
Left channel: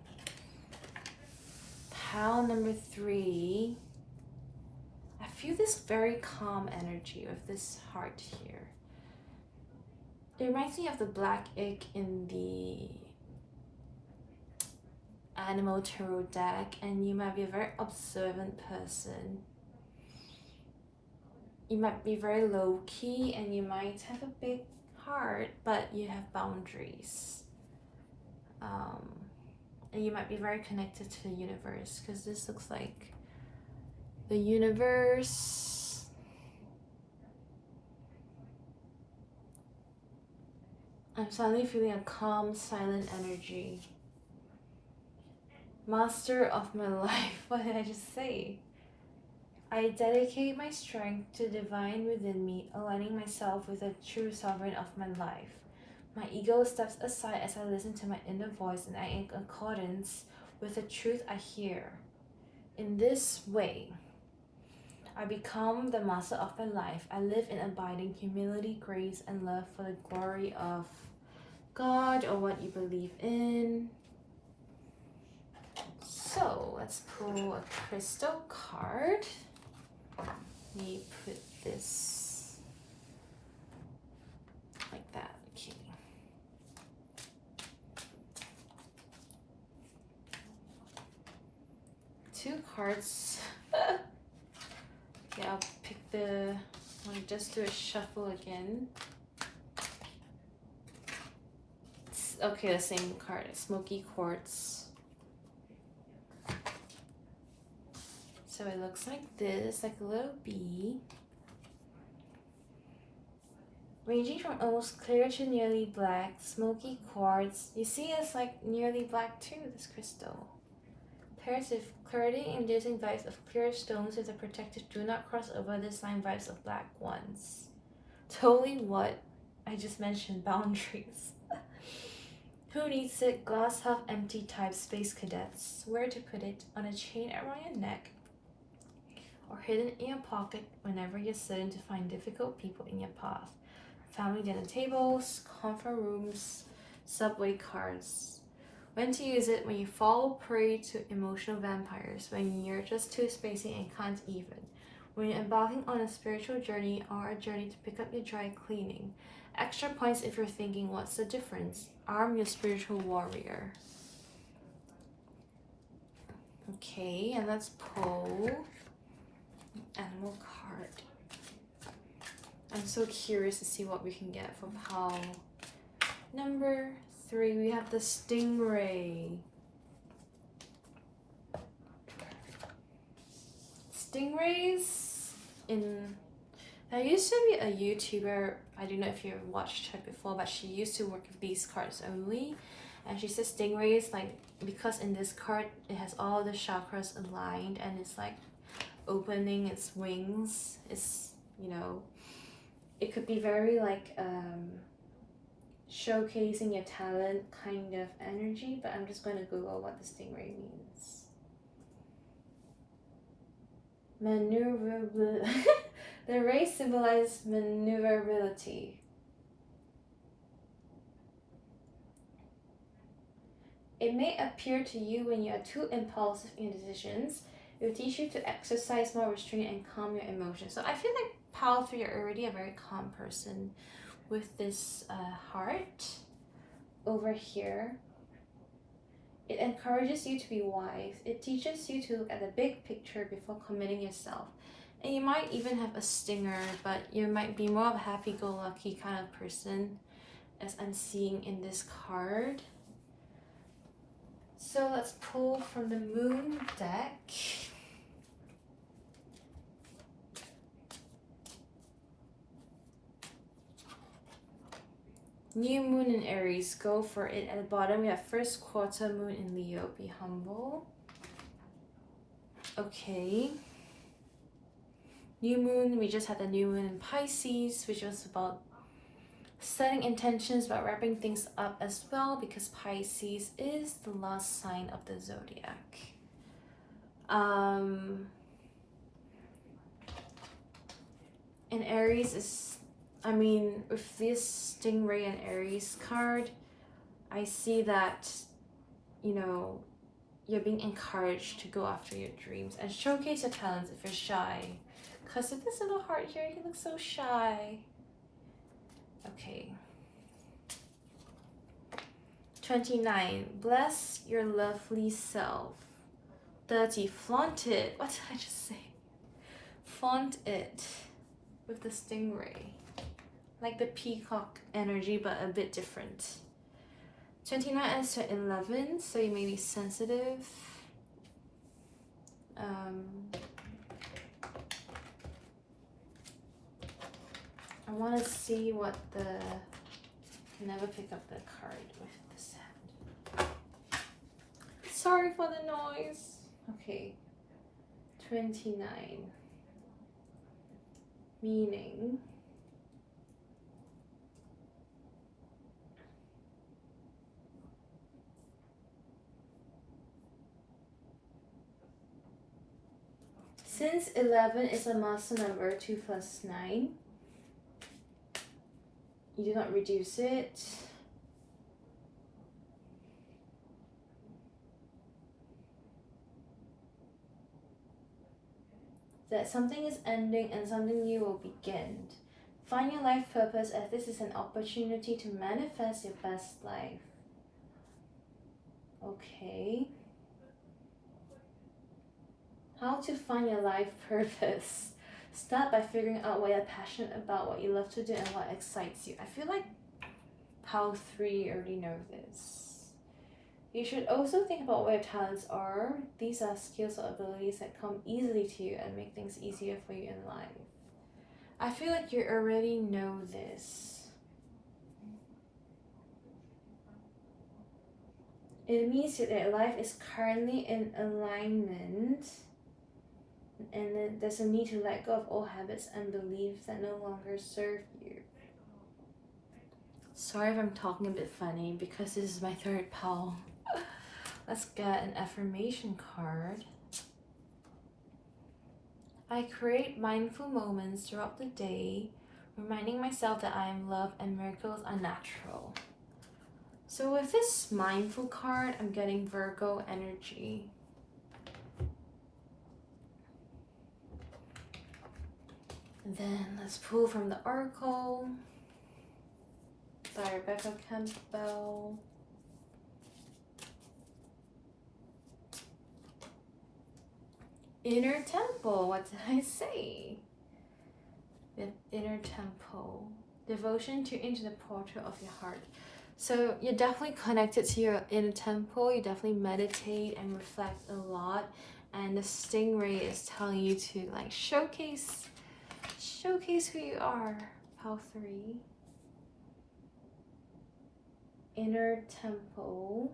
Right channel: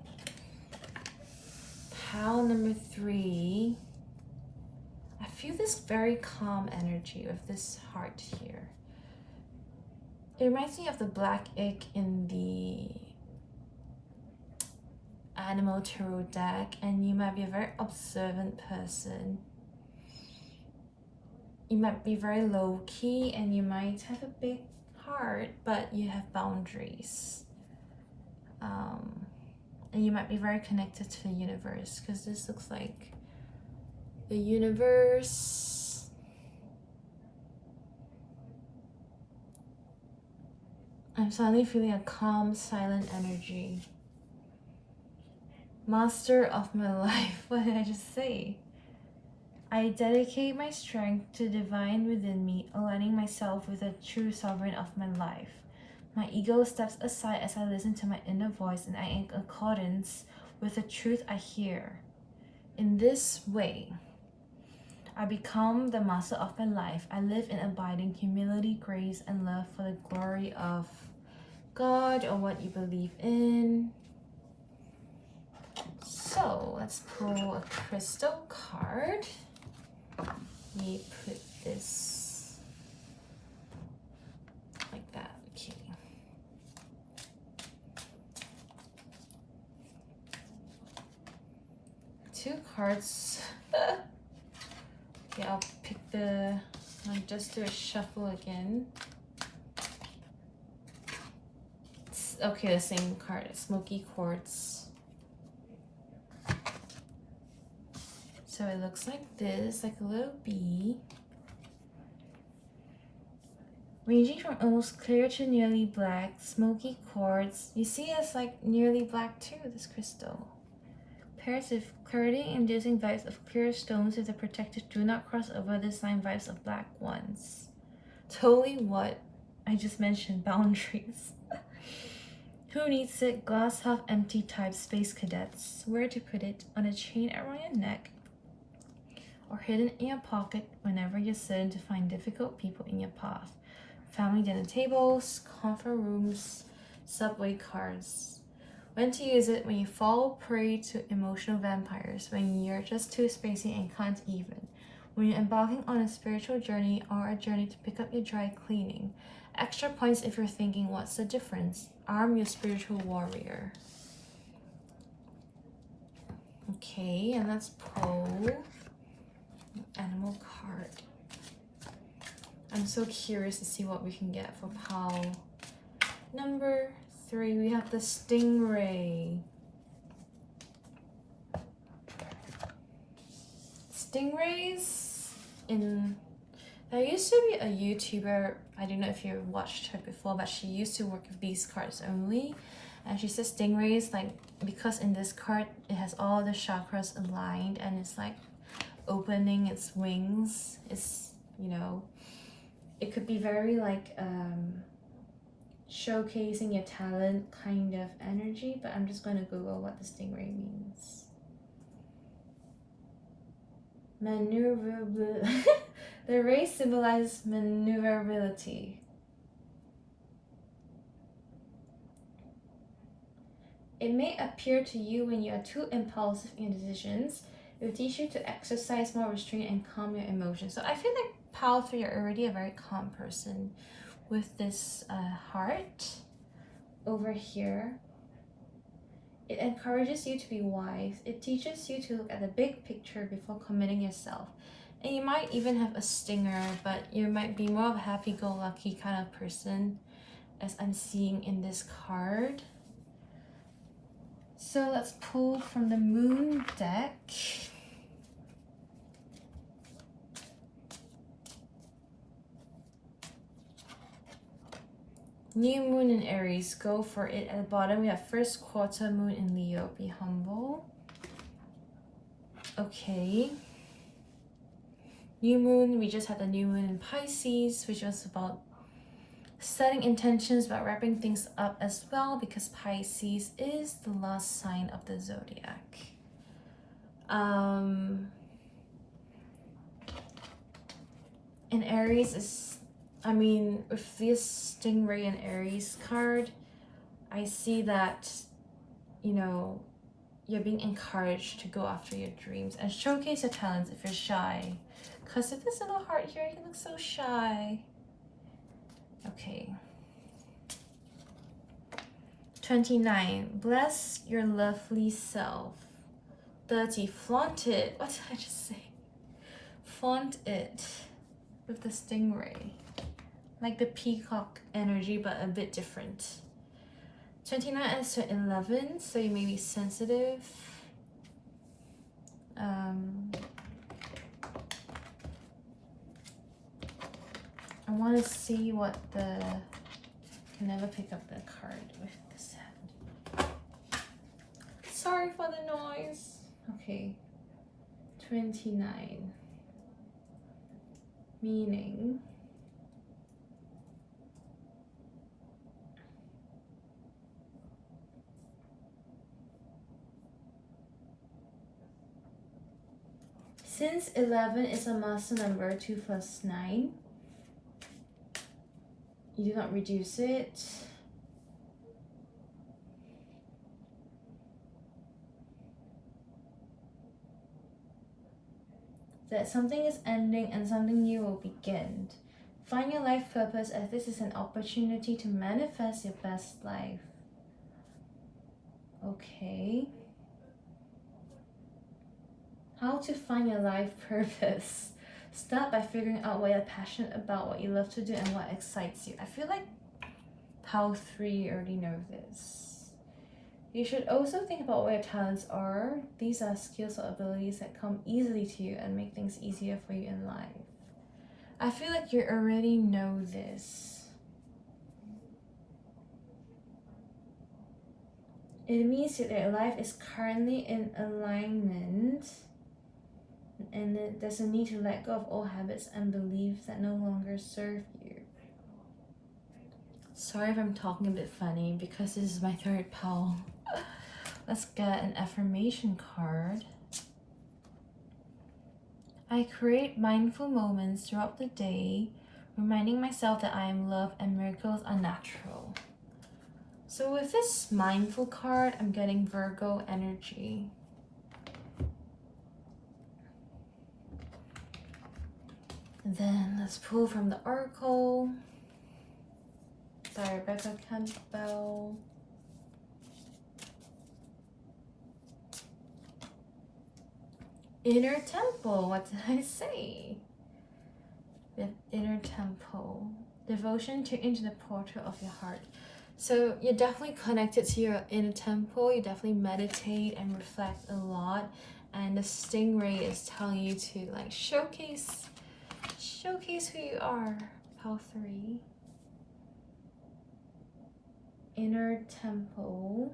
Pal number 3. I feel this very calm energy with this heart here. It reminds me of the black egg in the Animal Tarot deck, and you might be a very observant person. You might be very low-key, and you might have a big heart, but you have boundaries. And you might be very connected to the universe, because this looks like the universe. I'm suddenly feeling a calm, silent energy. Master of my life. What did I just say? I dedicate my strength to the divine within me, aligning myself with the true sovereign of my life. My ego steps aside as I listen to my inner voice, and I am in accordance with the truth I hear. In this way, I become the master of my life. I live in abiding humility, grace, and love for the glory of God or what you believe in. So let's pull a crystal card. We put this like that. Okay. Two cards. Okay, I'll pick I'll just do a shuffle again. Okay, the same card, Smoky Quartz. So it looks like this, like a little bee. Ranging from almost clear to nearly black, smoky quartz. You see it's like nearly black too, this crystal. Pairs with clarity-inducing vibes of clear stones with the protective do not cross over this line vibes of black ones. Totally what I just mentioned, boundaries. Who needs it? Glass half empty type space cadets. Where to put it? On a chain around your neck or hidden in your pocket whenever you're certain to find difficult people in your path. Family dinner tables, conference rooms, subway cars. When to use it? When you fall prey to emotional vampires, when you're just too spacey and can't even, when you're embarking on a spiritual journey or a journey to pick up your dry cleaning. Extra points if you're thinking, what's the difference? Arm your spiritual warrior. Okay, and let's pull an animal card. I'm so curious to see what we can get for Pal number 3. We have the stingray. stingrays in... There used to be a YouTuber, I don't know if you've watched her before, but she used to work with these cards only. And she says stingrays, like, because in this card, it has all the chakras aligned and it's like opening its wings. It's, you know, it could be very like showcasing your talent kind of energy, but I'm just going to Google what the stingray means. Maneuverability. The rays symbolize maneuverability. It may appear to you when you are too impulsive in your decisions. It will teach you to exercise more restraint and calm your emotions. So I feel like pile 3, you're already a very calm person with this heart over here. It encourages you to be wise. It teaches you to look at the big picture before committing yourself. And you might even have a stinger, but you might be more of a happy-go-lucky kind of person, as I'm seeing in this card. So let's pull from the moon deck. New moon in Aries, go for it. At the bottom, we have first quarter moon in Leo, be humble. Okay. New moon, we just had the new moon in Pisces, which was about setting intentions, about wrapping things up as well, because Pisces is the last sign of the zodiac. And Aries is, I mean, with this Stingray and Aries card, I see that, you know, you're being encouraged to go after your dreams and showcase your talents if you're shy. Because of this little heart here, you look so shy. Okay. 29. Bless your lovely self. 30. Flaunt it. What did I just say? Flaunt it with the stingray. Like the peacock energy, but a bit different. 29 ends to 11, so you may be sensitive. I want to see what the... I can never pick up the card with this hand. Sorry for the noise. Okay. 29. Meaning... Since 11 is a master number, 2 plus 9, you do not reduce it. That something is ending and something new will begin. Find your life purpose, as this is an opportunity to manifest your best life. Okay. How to find your life purpose. Start by figuring out what you're passionate about, what you love to do, and what excites you. I feel like Pile 3 already know this. You should also think about what your talents are. These are skills or abilities that come easily to you and make things easier for you in life. I feel like you already know this. It means that your life is currently in alignment, and there's a need to let go of old habits and beliefs that no longer serve you. Sorry if I'm talking a bit funny because this is my third pile. Let's get an affirmation card. I create mindful moments throughout the day, reminding myself that I am loved and miracles are natural. So with this mindful card, I'm getting Virgo energy. And then let's pull from the Oracle by Rebecca Campbell. Inner Temple, what did I say? The Inner Temple. Devotion to into the portal of your heart. So you're definitely connected to your inner temple. You definitely meditate and reflect a lot. And the stingray is telling you to like showcase who you are. Pile 3. Inner temple.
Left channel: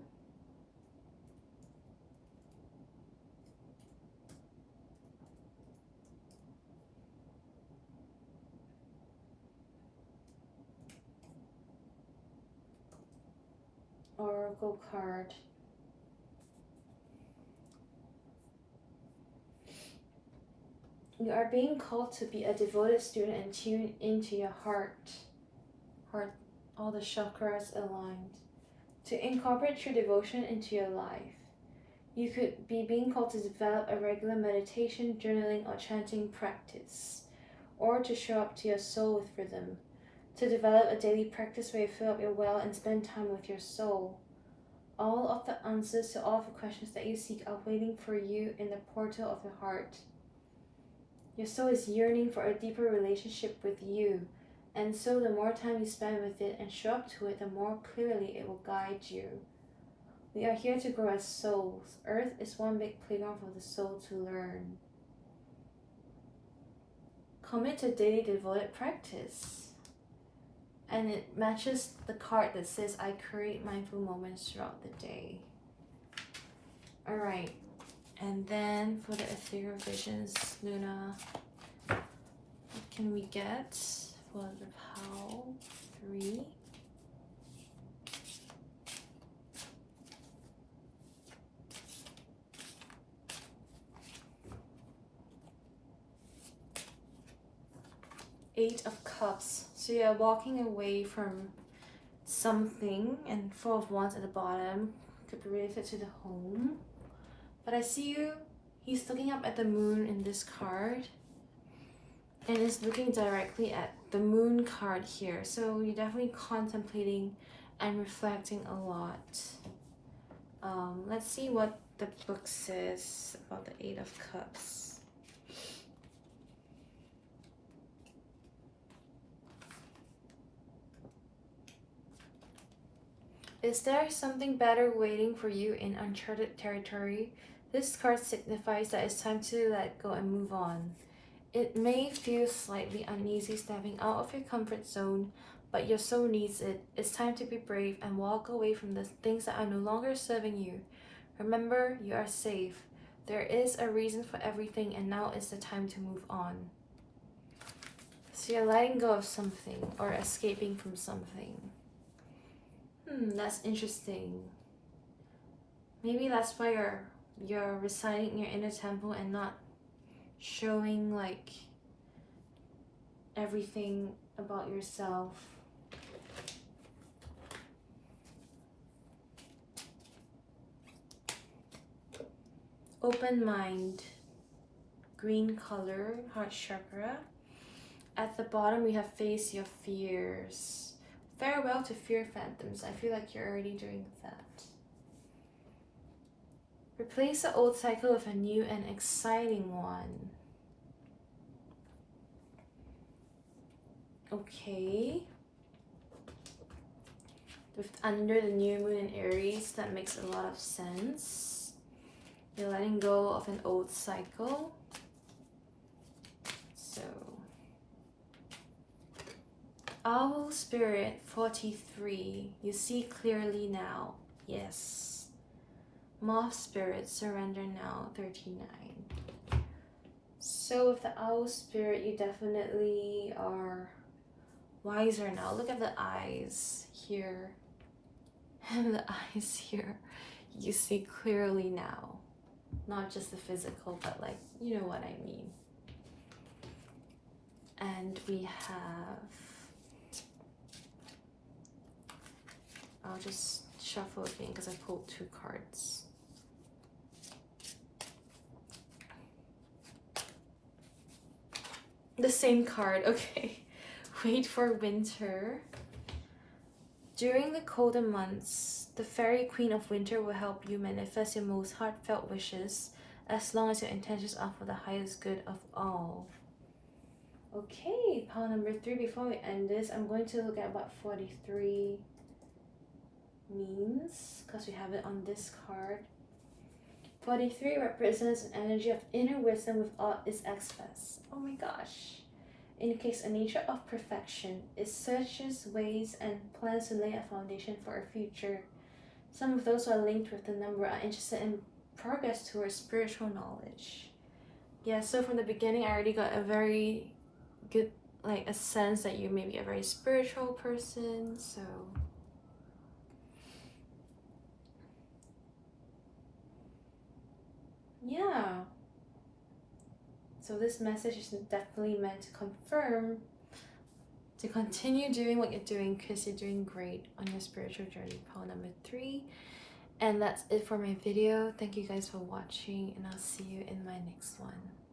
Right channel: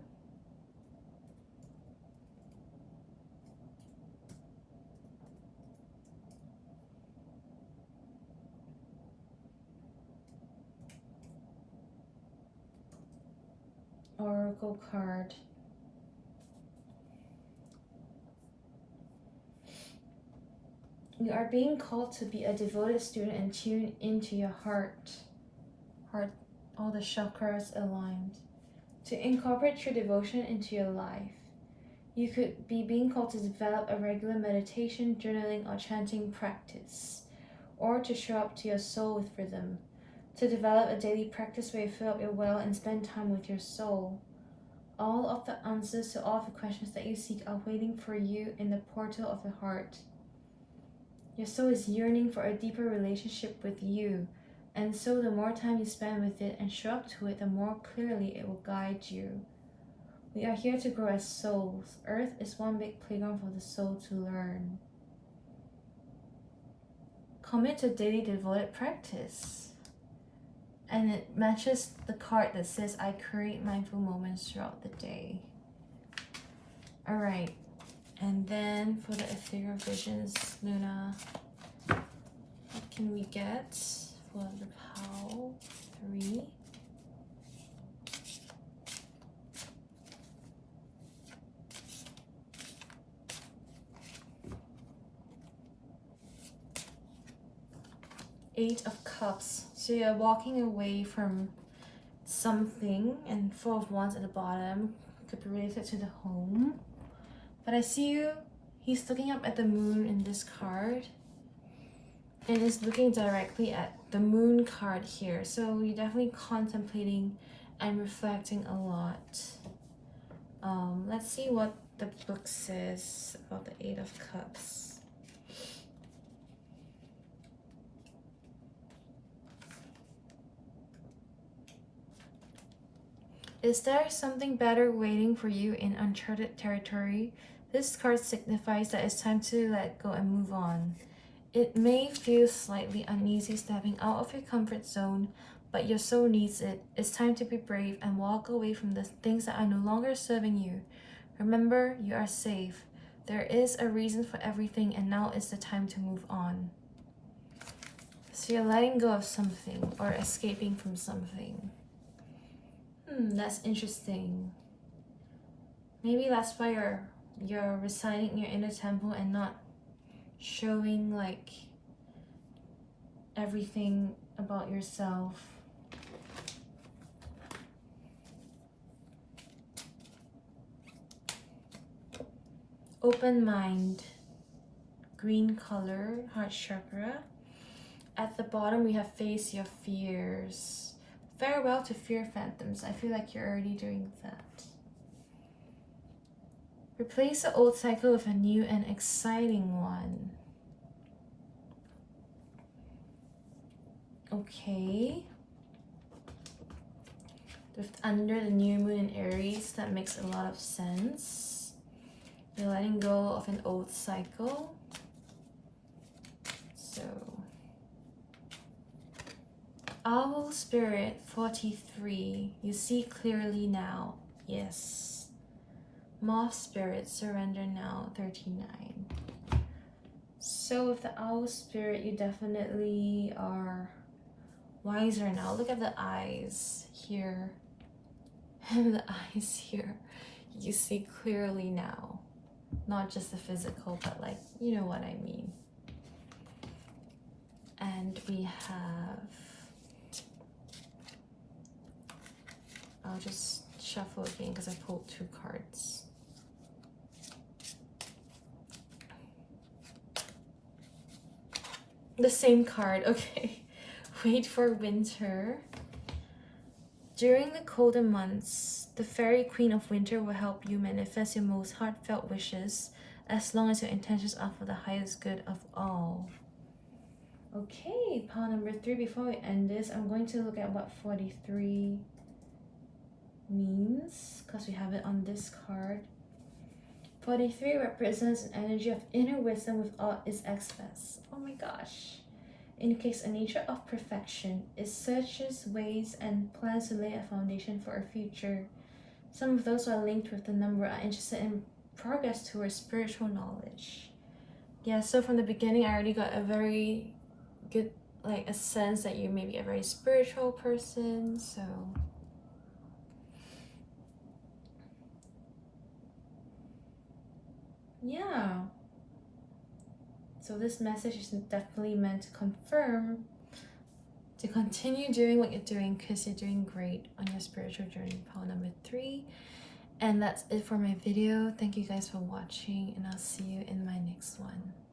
Oracle card. You are being called to be a devoted student and tune into your heart, all the chakras aligned, to incorporate true devotion into your life. You could be being called to develop a regular meditation, journaling, or chanting practice, or to show up to your soul with rhythm, to develop a daily practice where you fill up your well and spend time with your soul. All of the answers to all of the questions that you seek are waiting for you in the portal of the heart. Your soul is yearning for a deeper relationship with you, and so the more time you spend with it and show up to it, the more clearly it will guide you. We are here to grow as souls. Earth is one big playground for the soul to learn. Commit to daily devoted practice. And it matches the card that says, I create mindful moments throughout the day. Alright. And then for the ethereal visions, Luna, what can we get for the pile 3? Eight of Cups. So you're walking away from something, and Four of Wands at the bottom could be related to the home. But I see you, he's looking up at the moon in this card and is looking directly at the moon card here. So you're definitely contemplating and reflecting a lot. Let's see what the book says about the Eight of Cups. Is there something better waiting for you in uncharted territory? This card signifies that it's time to let go and move on. It may feel slightly uneasy stepping out of your comfort zone, but your soul needs it. It's time to be brave and walk away from the things that are no longer serving you. Remember, you are safe. There is a reason for everything, and now is the time to move on. So you're letting go of something or escaping from something. That's interesting. Maybe that's why you're residing in your inner temple and not showing like everything about yourself. Open mind, green color, heart chakra. At the bottom we have face your fears. Farewell to fear phantoms. I feel like you're already doing that. Replace the old cycle with a new and exciting one. Okay. Under the new moon in Aries, that makes a lot of sense. You're letting go of an old cycle. So, Owl Spirit 43. You see clearly now. Yes. Moth Spirit, surrender now, 39. So with the Owl Spirit, you definitely are wiser now. Look at the eyes here and the eyes here. You see clearly now. Not just the physical, but like, you know what I mean. And we have, I'll just shuffle again because I pulled 2 cards. The same card, okay. Wait for winter. During the colder months, the fairy queen of winter will help you manifest your most heartfelt wishes as long as your intentions are for the highest good of all. Okay, pile number 3. Before we end this, I'm going to look at what 43 means because we have it on this card. 43 represents an energy of inner wisdom without its excess. Oh my gosh. Indicates a nature of perfection. It searches ways and plans to lay a foundation for a future. Some of those who are linked with the number are interested in progress towards spiritual knowledge. Yeah, so from the beginning, I already got a very good, like, a sense that you may be a very spiritual person, so. Yeah. So this message is definitely meant to confirm to continue doing what you're doing because you're doing great on your spiritual journey. Pile number 3. And that's it for my video. Thank you guys for watching, and I'll see you in my next one.